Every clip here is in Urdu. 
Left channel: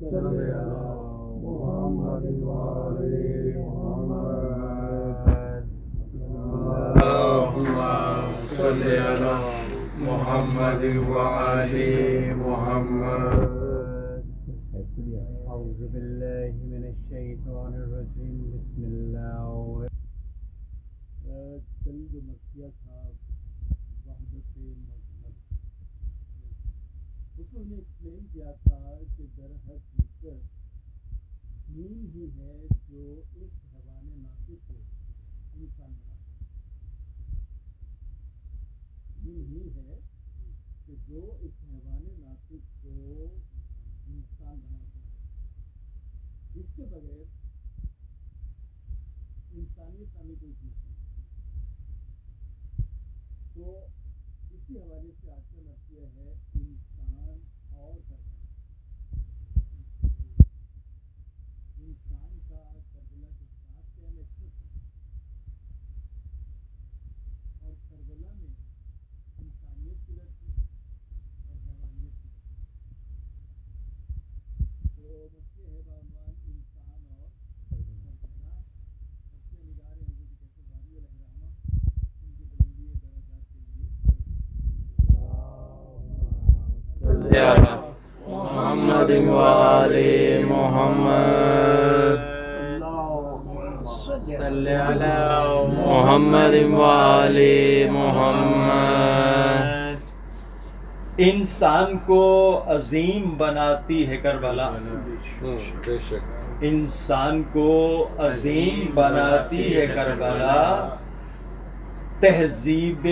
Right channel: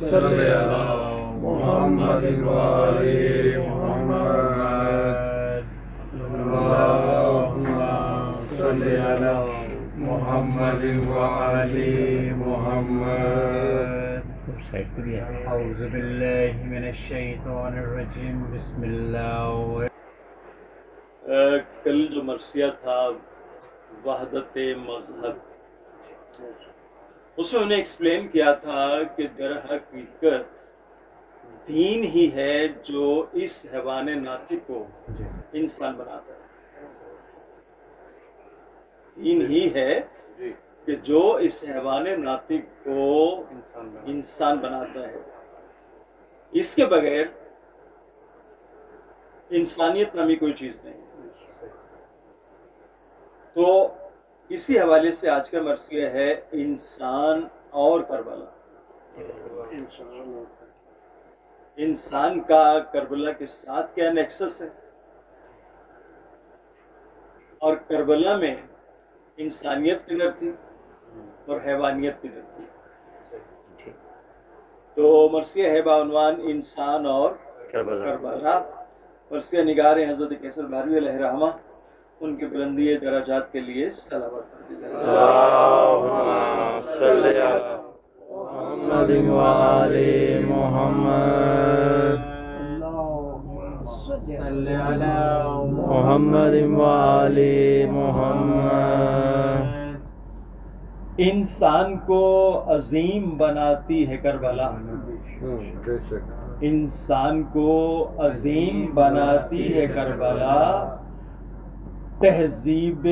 صلی علی محمد وآل محمد اللہم صلی علی محمد وآل محمد. اعوذ باللہ من الشیطان الرجیم بسم اللہ. کل جو مرثیہ تھا وحدت مذہب، اس میں انہیں ایکسپلین کیا تھا کہ در حقیقت دین ہی ہے جو اس حیوان ناطق کو انسان بناتا ہے. دین ہی ہے کہ جو اس حیوان ناطق کو انسان بناتا ہے. اس کے بغیر انسانیت نامی کوئی چیز نہیں. تو اسی حوالے سے آج کا مرثیہ ہے انسان اور کربلا. انسان کا کربلا کے ساتھ کیا نیکسس ہے، اور کربلا میں انسانیت کدھر تھی اور حیوانیت کدھر تھی. تو مرثیہ ہے بعنوان انسان اور کربلا. مرثیہ نگار ہیں حضرت کیسر بھاروی علیہ رحمہ، ان کے بلندی درجات کے لیے صلوات. اللہم صلی علی محمد وآل محمد صلی علی محمد وآل محمد. انسان کو عظیم بناتی ہے کربلا. بے شک انسان کو عظیم بناتی ہے کربلا. تہذیب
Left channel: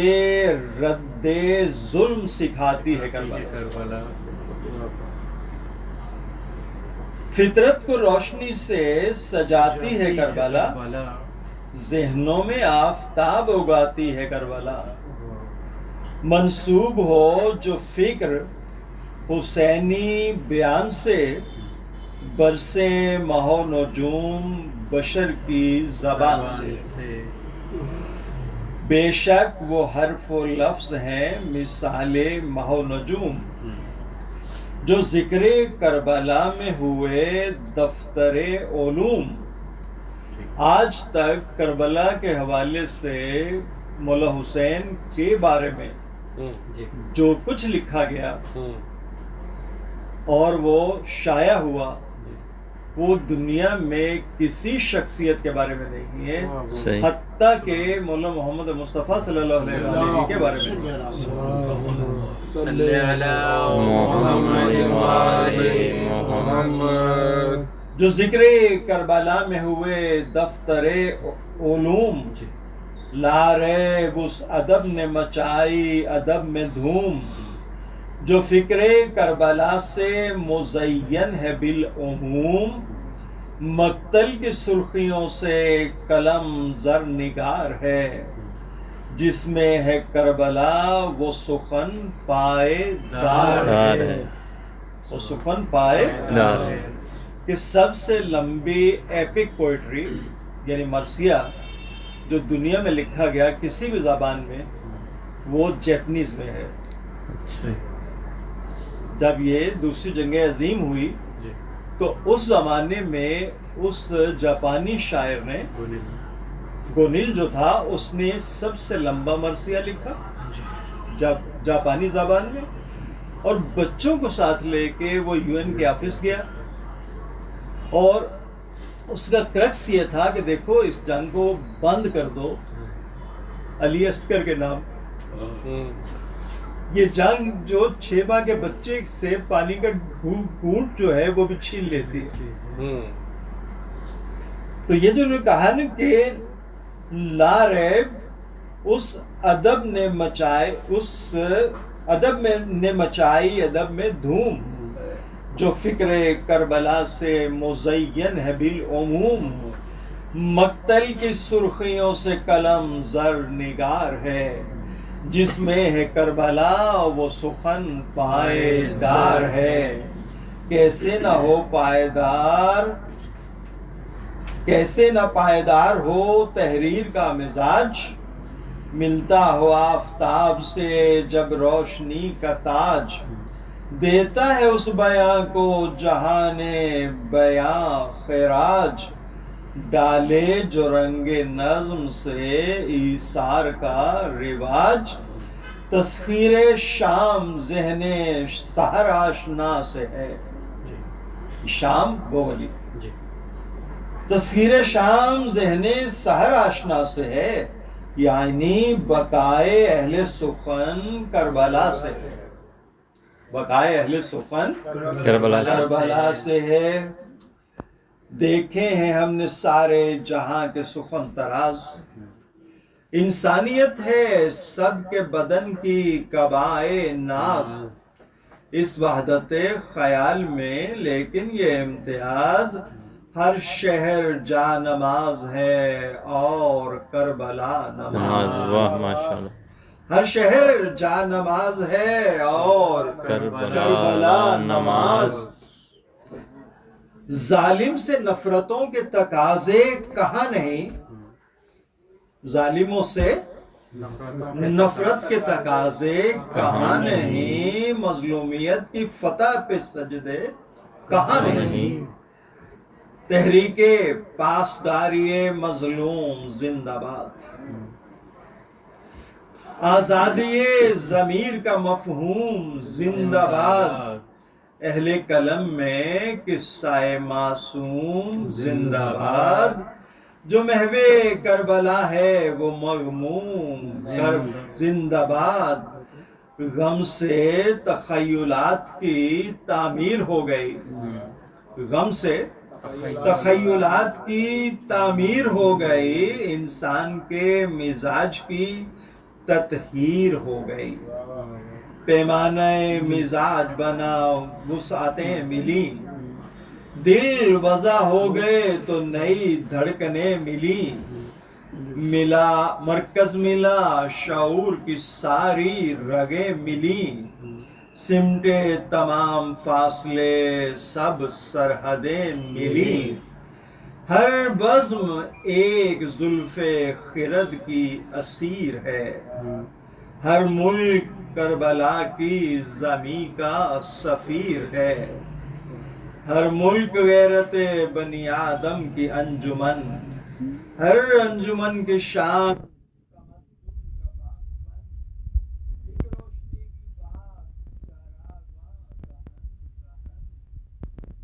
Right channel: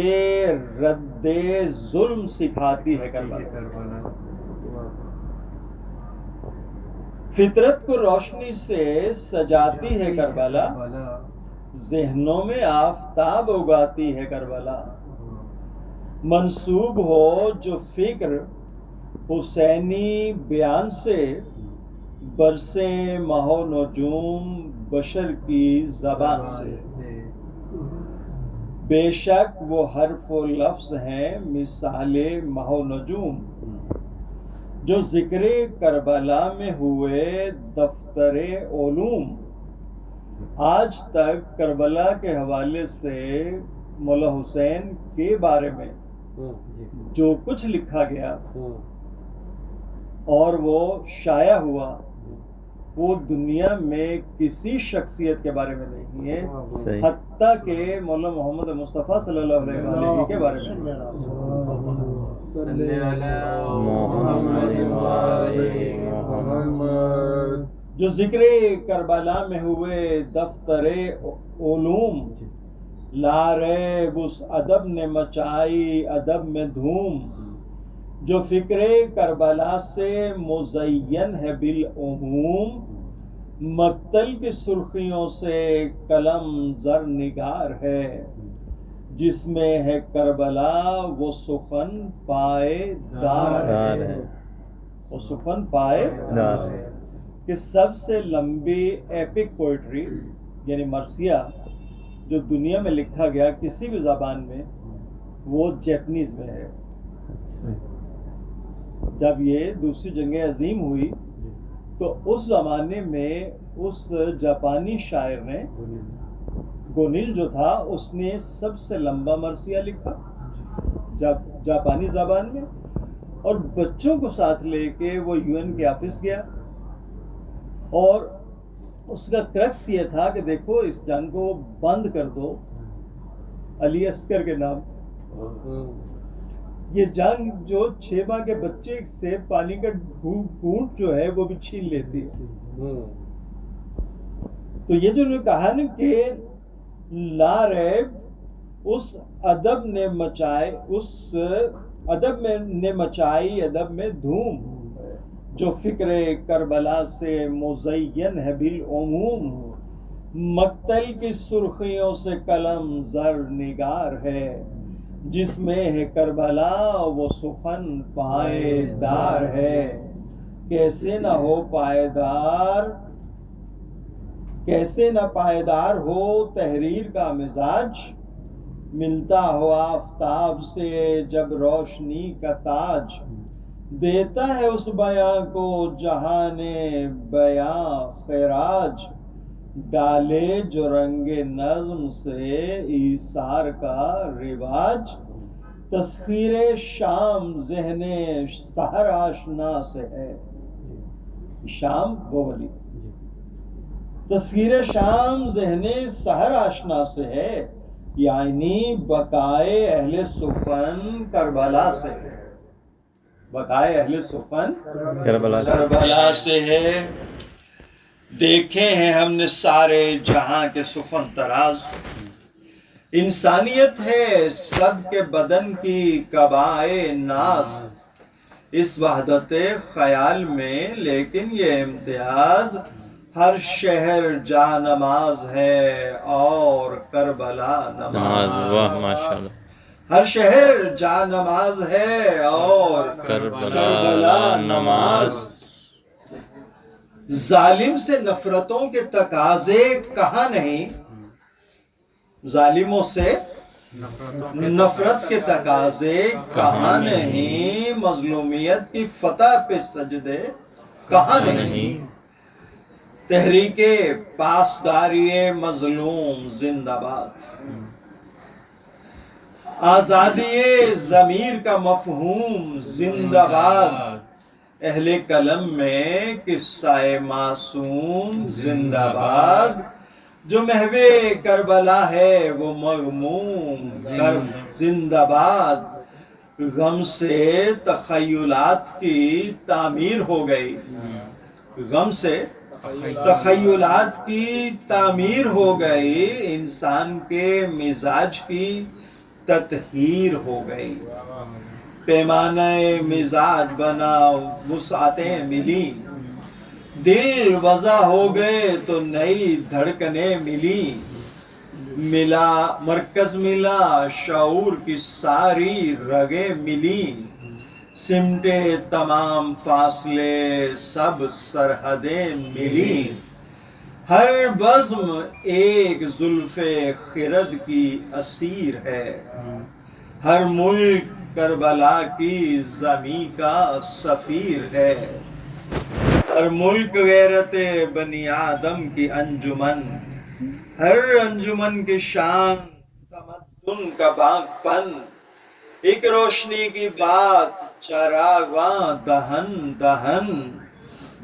رد ظلم سکھاتی ہے کربلا. فطرت کو روشنی سے سجاتی ہے کربلا. ذہنوں میں آفتاب اگاتی ہے کربلا. منسوب ہو جو فکر حسینی بیان سے، برسے ماہ و نجوم بشر کی زبان سے. بے شک وہ حرف و لفظ ہیں مثال ماہ و نجوم، جو ذکر کربلا میں ہوئے دفتر علوم. آج تک کربلا کے حوالے سے مولا حسین کے بارے میں جو کچھ لکھا گیا اور وہ شائع ہوا، وہ دنیا میں کسی شخصیت کے بارے میں نہیں ہے، حتیٰ کہ مولانا محمد مصطفیٰ صلی اللہ علیہ وسلم کے بارے میں. صلی علی محمد وآل محمد. جو ذکر کربلا میں ہوئے دفتر علوم، لا ریب اس ادب نے مچائی ادب میں دھوم. جو فکر کربلا سے مزین ہے بالعموم، مقتل کی سرخیوں سے قلم زر نگار ہے. جس میں ہے کربلا وہ سخن پائے دار ہے. وہ سخن پائے دار ہے. کہ سب سے لمبی ایپک پوئٹری یعنی مرثیہ جو دنیا میں لکھا گیا کسی بھی زبان میں، وہ جیپنیز میں ہے. جب یہ دوسری جنگ عظیم ہوئی تو اس زمانے میں اس جاپانی شاعر نے، گونیل جو تھا، اس نے سب سے لمبا مرثیہ لکھا جاپانی زبان میں، اور بچوں کو ساتھ لے کے وہ UN کے آفس گیا. اور اس کا کرکس یہ تھا کہ دیکھو اس جنگ کو بند کر دو علی اصغر کے نام. یہ جنگ جو 6 ماہ کے بچے سے پانی کا گھونٹ جو ہے وہ بھی چھین لیتی ہے. تو یہ جو انہوں نے کہا نا کہ لا ریب اس ادب نے مچائی ادب میں دھوم، جو فکر کربلا سے مزین ہے بالعموم. مقتل کی سرخیوں سے قلم زر نگار ہے. جس میں ہے کربلا وہ سخن پائیدار ہے. کیسے نہ ہو پائیدار، کیسے نہ پائیدار ہو تحریر کا مزاج. ملتا ہو آفتاب سے جب روشنی کا تاج. دیتا ہے اس بیاں کو جہان بیاں خراج، ڈالے جو رنگ نظم سے ایثار کا رواج، تسخیر شام ذہن سحر آشنا سے ہے، شام گولی، تسخیر شام ذہن سحر آشنا سے ہے، یعنی بقائے اہل سخن کربلا سے ہے، بقائے اہل سخن کربلا سے ہے۔ دیکھے ہیں ہم نے سارے جہاں کے سخن تراز، انسانیت ہے سب کے بدن کی قبائے ناز، اس وحدت خیال میں لیکن یہ امتیاز، ہر شہر جا نماز ہے اور کربلا نماز، واہ ماشاءاللہ، ہر شہر جا نماز ہے اور کربلا نماز، ظالم سے نفرتوں کے تقاضے کہاں نہیں، ظالموں سے نفرت کے تقاضے کہاں نہیں، مظلومیت کی فتح پہ سجدے کہاں نہیں، تحریک پاسداری مظلوم زندہ باد، آزادی ضمیر کا مفہوم زندہ باد، اہل قلم میں قصہ معصوم زندہ باد، جو محو کربلا ہے وہ مغموم زندہ باد، غم سے تخیلات کی تعمیر ہو گئی، غم سے تخیلات کی تعمیر ہو گئی، انسان کے مزاج کی تطہیر ہو گئی، پیمانہ مزاج بنا وسعتیں ملی، دل وضع ہو گئے تو نئی دھڑکنیں ملی، ملا مرکز ملا شعور کی ساری رگیں ملی، سمٹے تمام فاصلے سب سرحدیں ملی، ہر بزم ایک زلف خرد کی اسیر ہے، ہر ملک کربلا کی زمیں کا سفیر ہے، ہر ملک غیرت بنی آدم کی انجمن، ہر انجمن کی شان تمدن کا باغ پن، ایک روشنی کی بات چراغاں دہن دہن،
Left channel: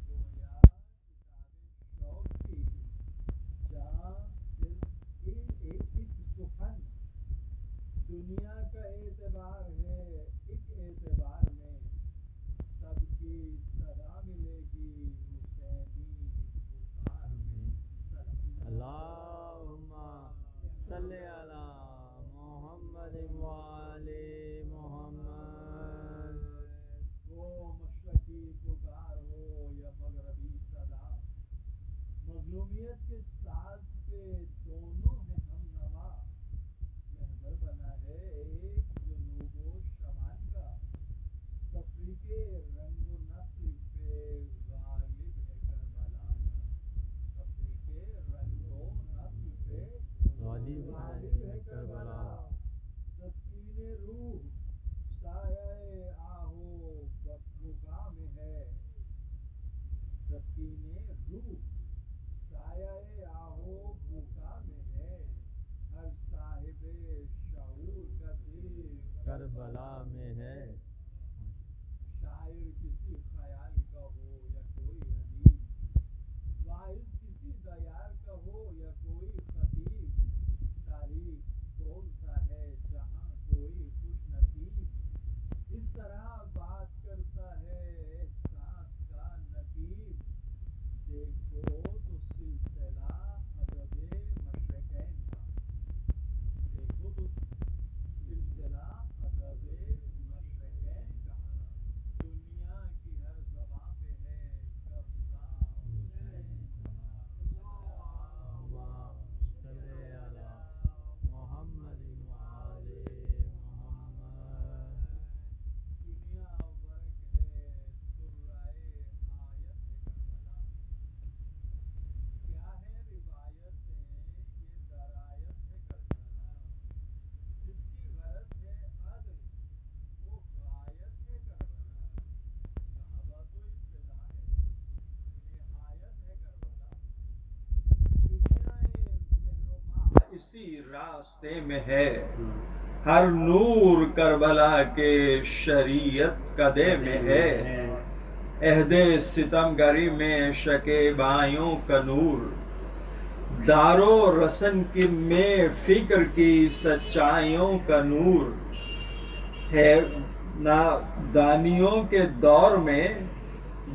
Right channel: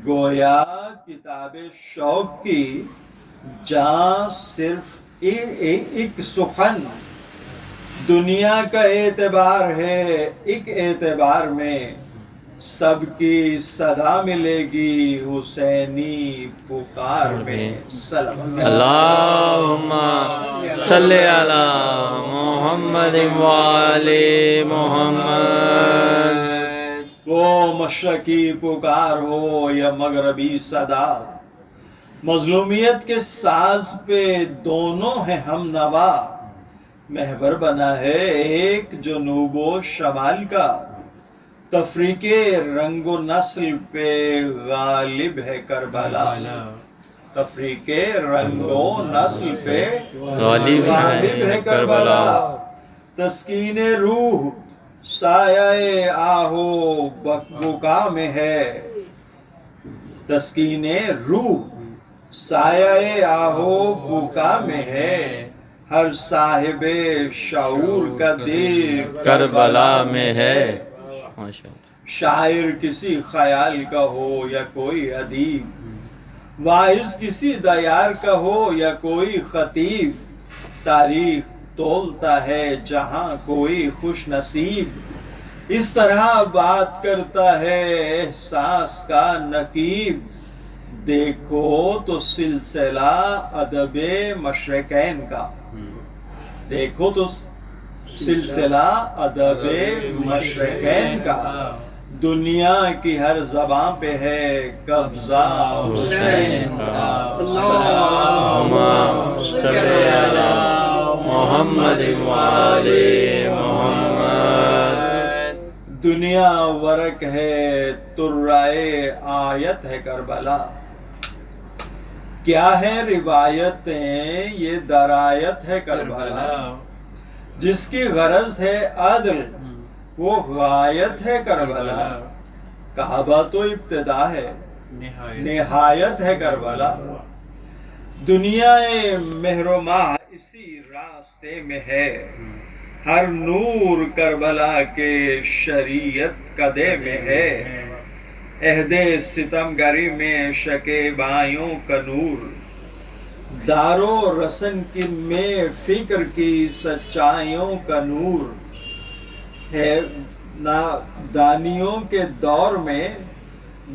گویا کتاب شوق کی جہاں صرف ایک سخن، دنیا کا اعتبار ہے ایک اعتبار میں، سب کی صدا ملے گی حسینی پکار میں، اللہم صلی علی محمد وآلِ محمد۔ وہ مشرقی پکار ہو یا مغربی صدا، مظلومیت کے ساز پہ دونوں ہیں ہم نوا، محور بنا ہے ایک جنوب و شمال کا، تفریق رنگ و نسل پہ غالب ہے کربلا، تفریق رنگ و نسل پہ غالب ہے کربلا، تسکین روح سایہ آہو بکا میں ہے، تسکین روح سایہ آہو بکا میں ہے، ہر صاحب شعور کا دل کربلا میں ہے، شاعر کسی خیال کا ہو یا کوئی ادیب، واعظ کسی دیار کا ہو یا کوئی خطیب، تاریخ تولتا ہے جہاں کوئی خوش نصیب، اس طرح بات کرتا ہے احساس کا نقیب، دیکھو تو سلسلہ ادب مشرقین کا، دیکھو تو سلسلہ ادب مشرقین کا، دنیا کی ہر زبان پہ ہے قبضہ حسین کا، اللہم صلی علی محمد وآلِ محمد۔ دنیا ورق ہے ترائے آیت ہے کربلا، کیا ہے روایتیں یہ درایت ہے کربلا، جس کی غرض ہے عدل وہ غایت ہے کربلا، کعبہ تو ابتدا ہے، نہایت نہایت ہے کربلا. دنیا مہر و ماہ اسی راستے میں ہے، ہر نور کربلا کے شریعت قدے میں ہے. عہد ستم گری میں شکیبائیوں کا نور، دارو رسن کی میں فکر کی سچائیوں کا نور ہے. نادانیوں کے دور میں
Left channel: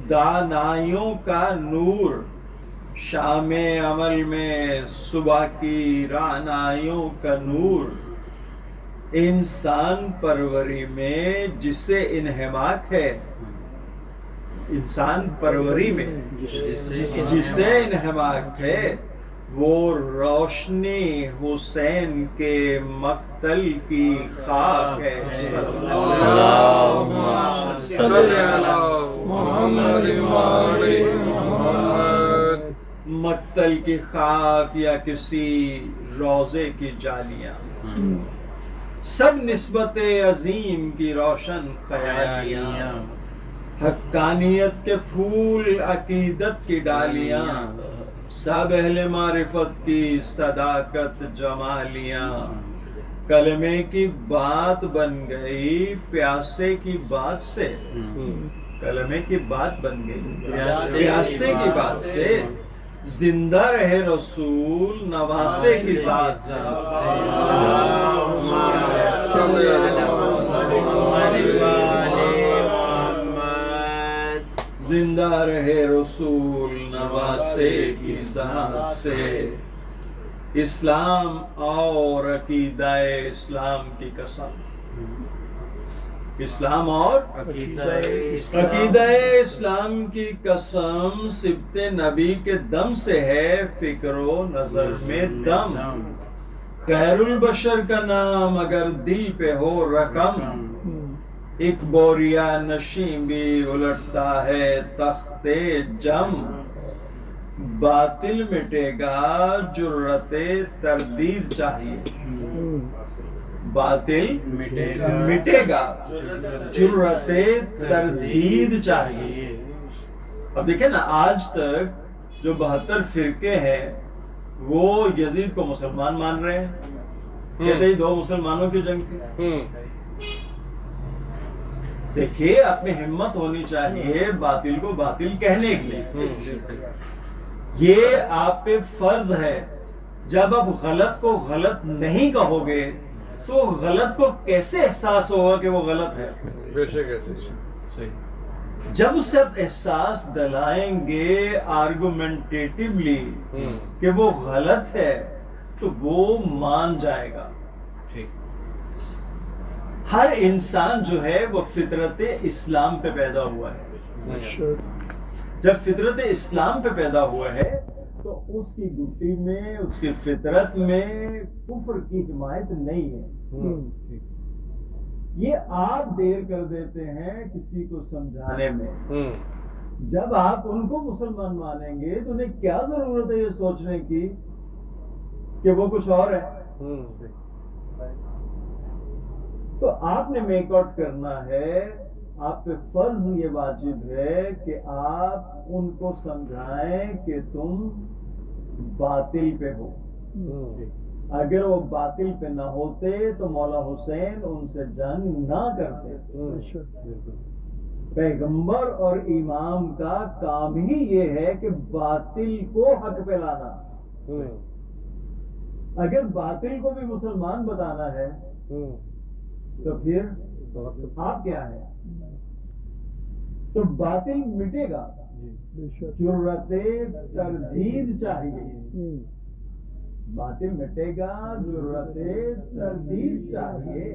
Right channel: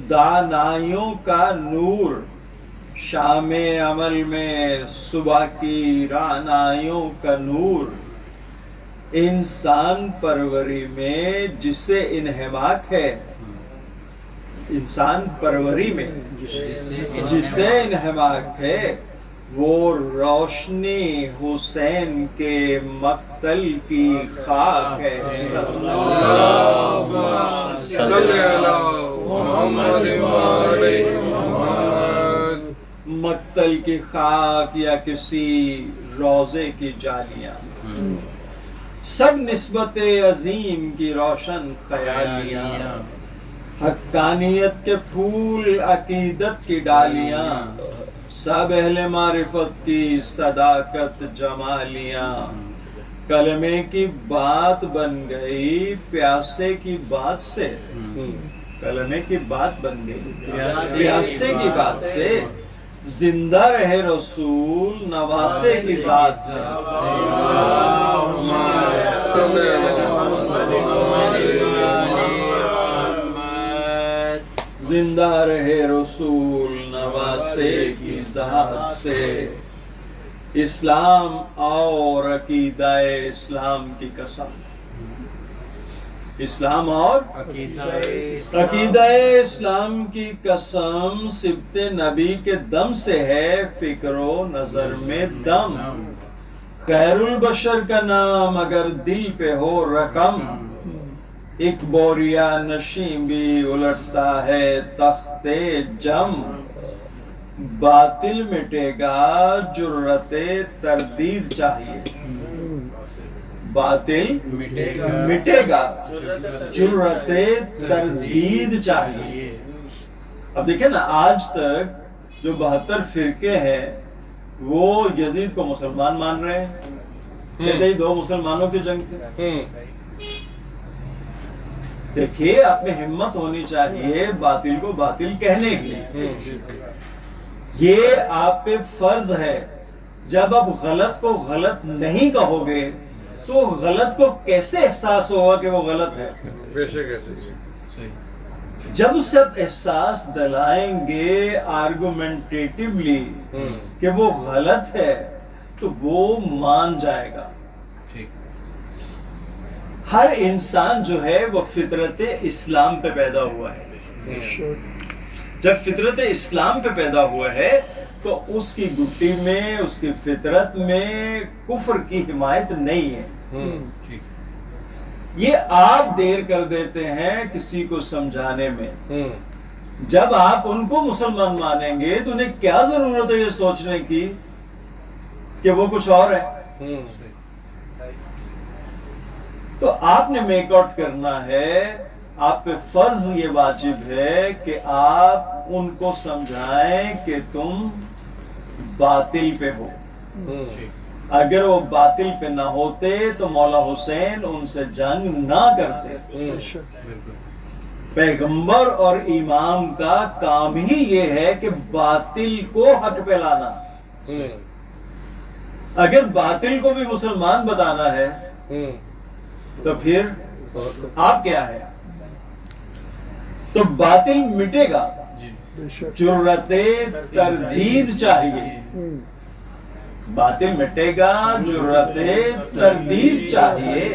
دانائیوں کا نور، شام عمل میں صبح کی رعنائیوں کا نور. انسان پروری میں جسے انہماک ہے، انسان پروری میں جسے انہماک ہے، وہ روشنی حسین کے مقتل کی خاک ہے. اللہم صلی علی محمد وآل محمد. مقتل کی خاک یا کسی روزے کی جالیاں، سب نسبت عظیم کی روشن خیالیاں. حقانیت کے پھول عقیدت کی ڈالیاں، سب اہل معرفت کی صداقت جمالیاں. کلمے کی بات بن گئی پیاسے کی بات سے، کلمے کی بات بن گئی پیاسے کی بات سے. زندہ رہے رسول نواسے کی ذات سے. زندہ رہے رسول نواسے کی ذات سے. اسلام اور عقیدہ اسلام کی قسم، اسلام اور عقیدہ اسلام کی قسم. سبت نبی کے دم سے ہے فکر و نظر میں دم. خیر البشر کا نام اگر دل پہ ہو رقم، ایک بوریا نشیں بھی الٹتا ہے تخت جم. باطل مٹے گا جرت تردید چاہیے، باطل مٹے گا جرت تردید چاہیے. اب دیکھیں نا، آج تک جو 72 فرقے ہیں وہ یزید کو مسلمان مان رہے ہیں. کہتے ہی 2 مسلمانوں کی جنگ تھی. دیکھیے، آپ میں ہمت ہونی چاہیے باطل کو باطل کہنے کی. یہ آپ پہ فرض ہے. جب آپ غلط کو غلط نہیں کہو گے تو غلط کو کیسے احساس ہوگا کہ وہ غلط ہے؟ جب اس سے آپ احساس دلائیں گے آرگومنٹیٹیولی کہ وہ غلط ہے تو وہ مان جائے گا. ہر انسان جو ہے وہ فطرت اسلام پہ پیدا ہوا ہے. جب فطرت اسلام پہ پیدا ہوا ہے تو اس کی گٹی میں، اس کی فطرت میں کفر کی حمایت نہیں ہے. یہ آپ دیر کر دیتے ہیں کسی کو سمجھانے میں. جب آپ ان کو مسلمان مانیں گے تو انہیں کیا ضرورت ہے یہ سوچنے کی کہ وہ کچھ اور ہے. تو آپ نے میک آؤٹ کرنا ہے. آپ پہ فرض یہ واجب ہے کہ آپ ان کو سمجھائیں کہ تم باطل پہ ہو. اگر وہ باطل پہ نہ ہوتے تو مولا حسین ان سے جنگ نہ کرتے. پیغمبر اور امام کا کام ہی یہ ہے کہ باطل کو حق پہ لانا. اگر باطل کو بھی مسلمان بتانا ہے تو پھر آپ کیا ہے؟ تو باطل مٹے گا، جرت تردید چاہیے. باطل مٹے گا، جرت تردید چاہیے.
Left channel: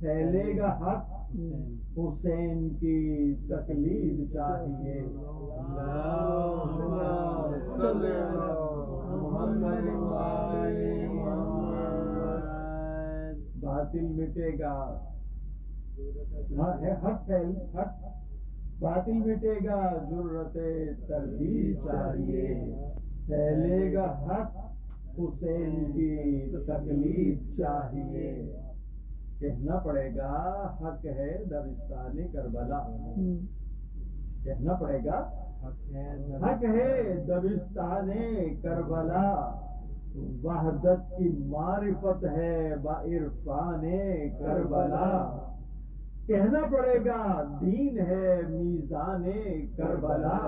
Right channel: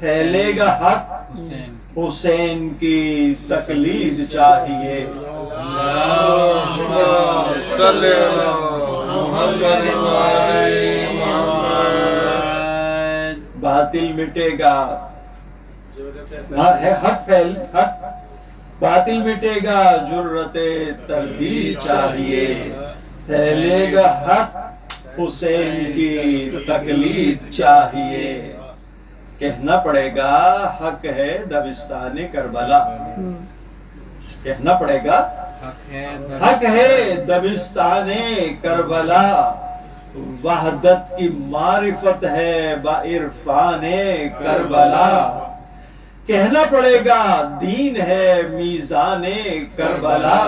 پھیلے گا حق، حسین کی تقلید چاہیے. باطل مٹے گا، حق باطل مٹے گا، جرت تردید چاہیے. پھیلے گا حق، حسین کی تقلید چاہیے. کہنا پڑے گا حق ہے دبستان کربلا. کہنا پڑے گا حق ہے دبستان کربلا، وحدت کی معرفت ہے با عرفان کربلا، کہنا پڑے گا دین ہے میزان کربلا،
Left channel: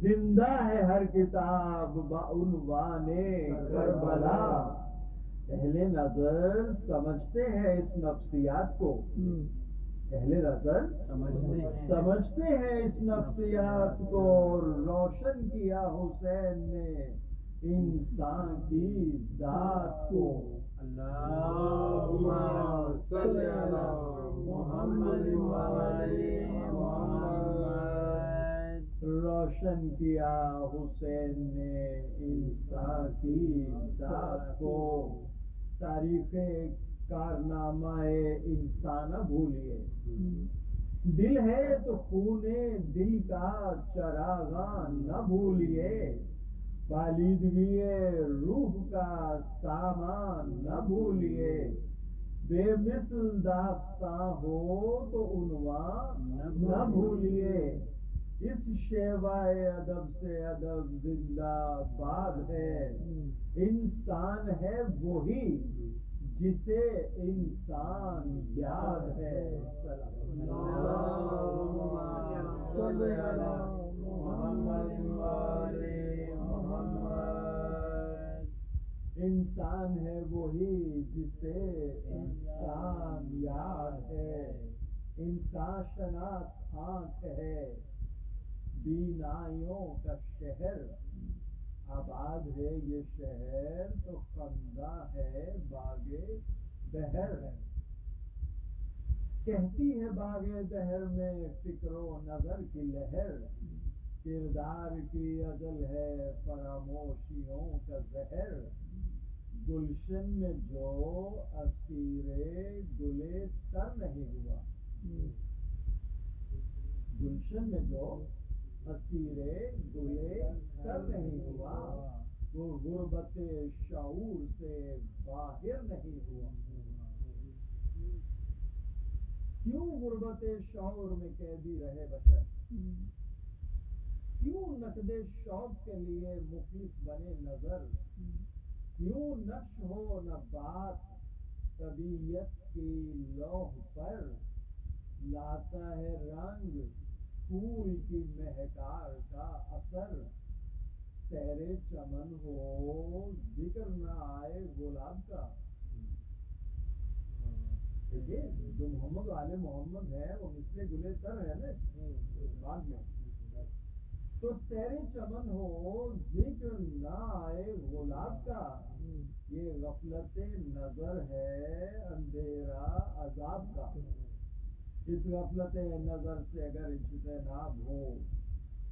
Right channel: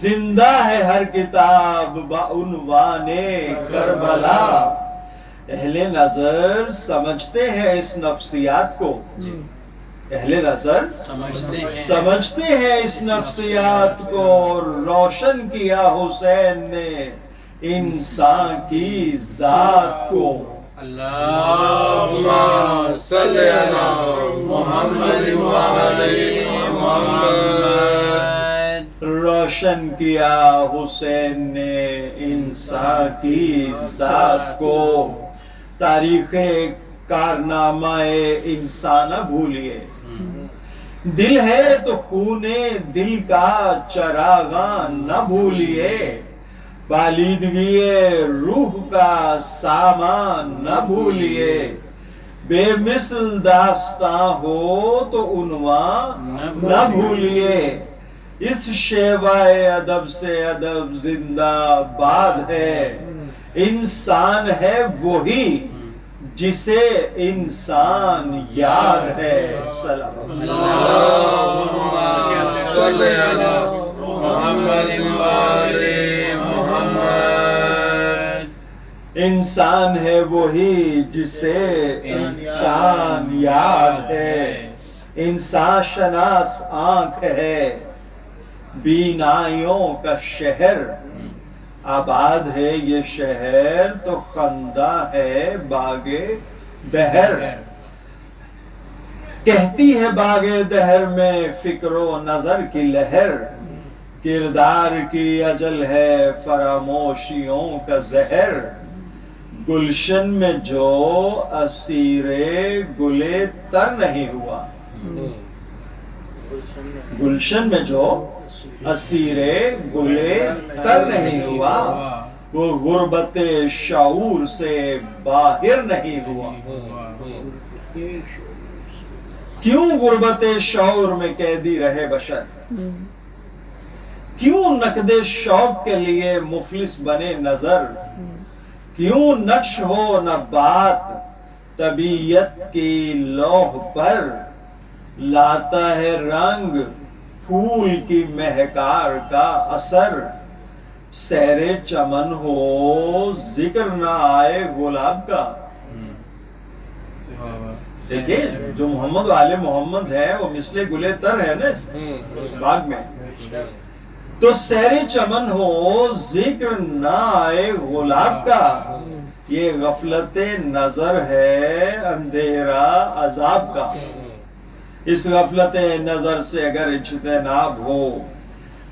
زندہ ہے ہر کتاب با عنوان کربلا۔ اہل نظر سمجھتے ہیں اس نفسیات کو، اہل نظر سمجھتے ہیں اس نفسیات کو، روشن کیا حسین نے انسان کی ذات کو۔ اللہم صلی علی محمد وعلی محمد۔ روشن کیا حسین نے انسان کی ذات کو، تاریخ کارنامہ انسان نہ بھولیے، دل ہے تو خون دل کا چراغاں نہ بھولیے، بالیدگی روح کا سامان نہ بھولیے، بے مثل داستاں ہو تو عنوان نہ بھولیے، اس شیوائے ادب سے ادب زندہ باد ہے، انسان ہے وہی جسے انسان یاد ہے۔ اللہم صلی علی محمد وعلی محمد۔ انسان ہے وہی جسے انسان یاد ہے، انسان شناس آنکھ ہے، بینائیوں کا شہر، آباد ہے یہ شہر تو خندہ ہے باغ دہر، کہتی ہے باغ دہر میں فکر و نظر کی لہر، کردار کی اجل ہے فراموشیوں کا زہر، گلشن میں جو اسیر گلے تر نہیں ہوا، گلشن میں جو اسیر گلے تر نہیں ہوا، وہ غربت شعور سے باہر نہیں ہوا۔ کیوں غربت شعور میں قیدی رہے بشر، کیوں نقد شوق کے لیے مفلس بنے نظر، کیوں نقش ہو نہ بات طبیعت کی لوح پر، لاتا ہے رنگ پھول کی مہکار کا اثر، سیر چمن ہو ذکر نہ آئے گلاب کا۔ دیکھیے جو محمد والے محمد ہے وہ مثل گلے تر ہے نا اس باغ میں، تو سیر چمن ہو ذکر نہ آئے گلاب کا، یہ غفلت نظر ہے اندھیرا عذاب کا۔ اس غفلت نظر سے اگر اجتناب ہو،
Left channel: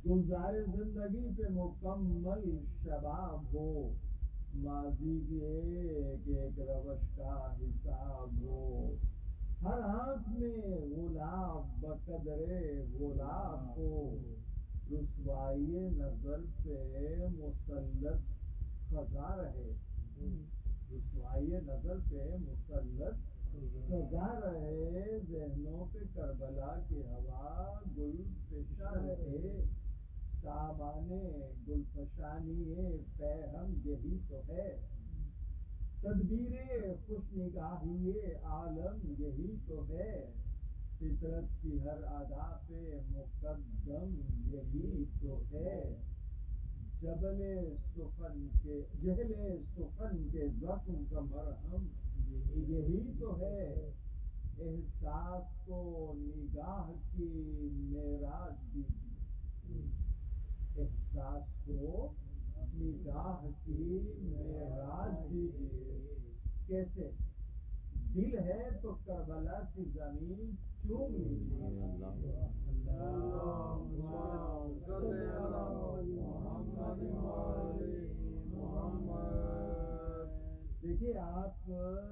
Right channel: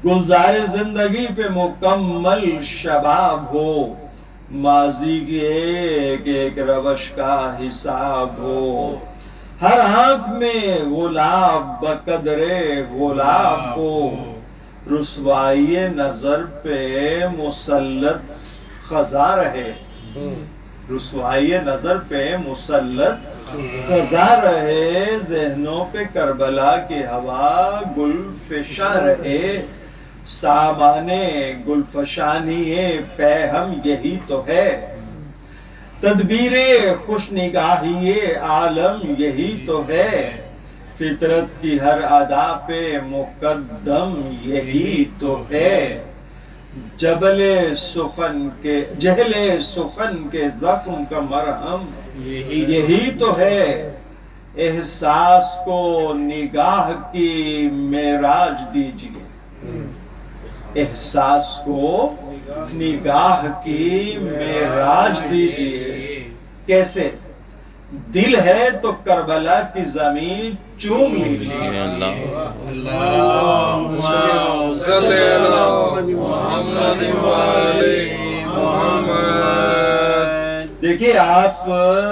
گلزار زندگی پہ مکمل شباب ہو، ماضی کی ایک ایک روش کا حساب ہو، ہر آنکھ میں گلاب بقدر گلاب ہو، رسوائی نظر پہ مسلط خزاں رہے، رسوائی نظر پہ مسلط خزاں رہے، ذہنوں پہ کربلا کی ہوا گل فشاں رہے، سامانے گل فشانی پہ ہم یہی تو ہے، تدبیر خوش نگاہی عالم یہی تو ہے، فطرت کی ہر ادا پہ مقدم یہی تو ہے، جہل سخن کے زخم کا مرہم یہی تو ہے، احساس کو نگاہ کی معراج دیجیے، احساس کو نگاہ کی معراج دیجیے، کیسے؟ دل ہے تو کربلا کی زمین چوم لیجیے۔ اللہم صلی علی محمد وعلی محمد۔ دیکھیے آپ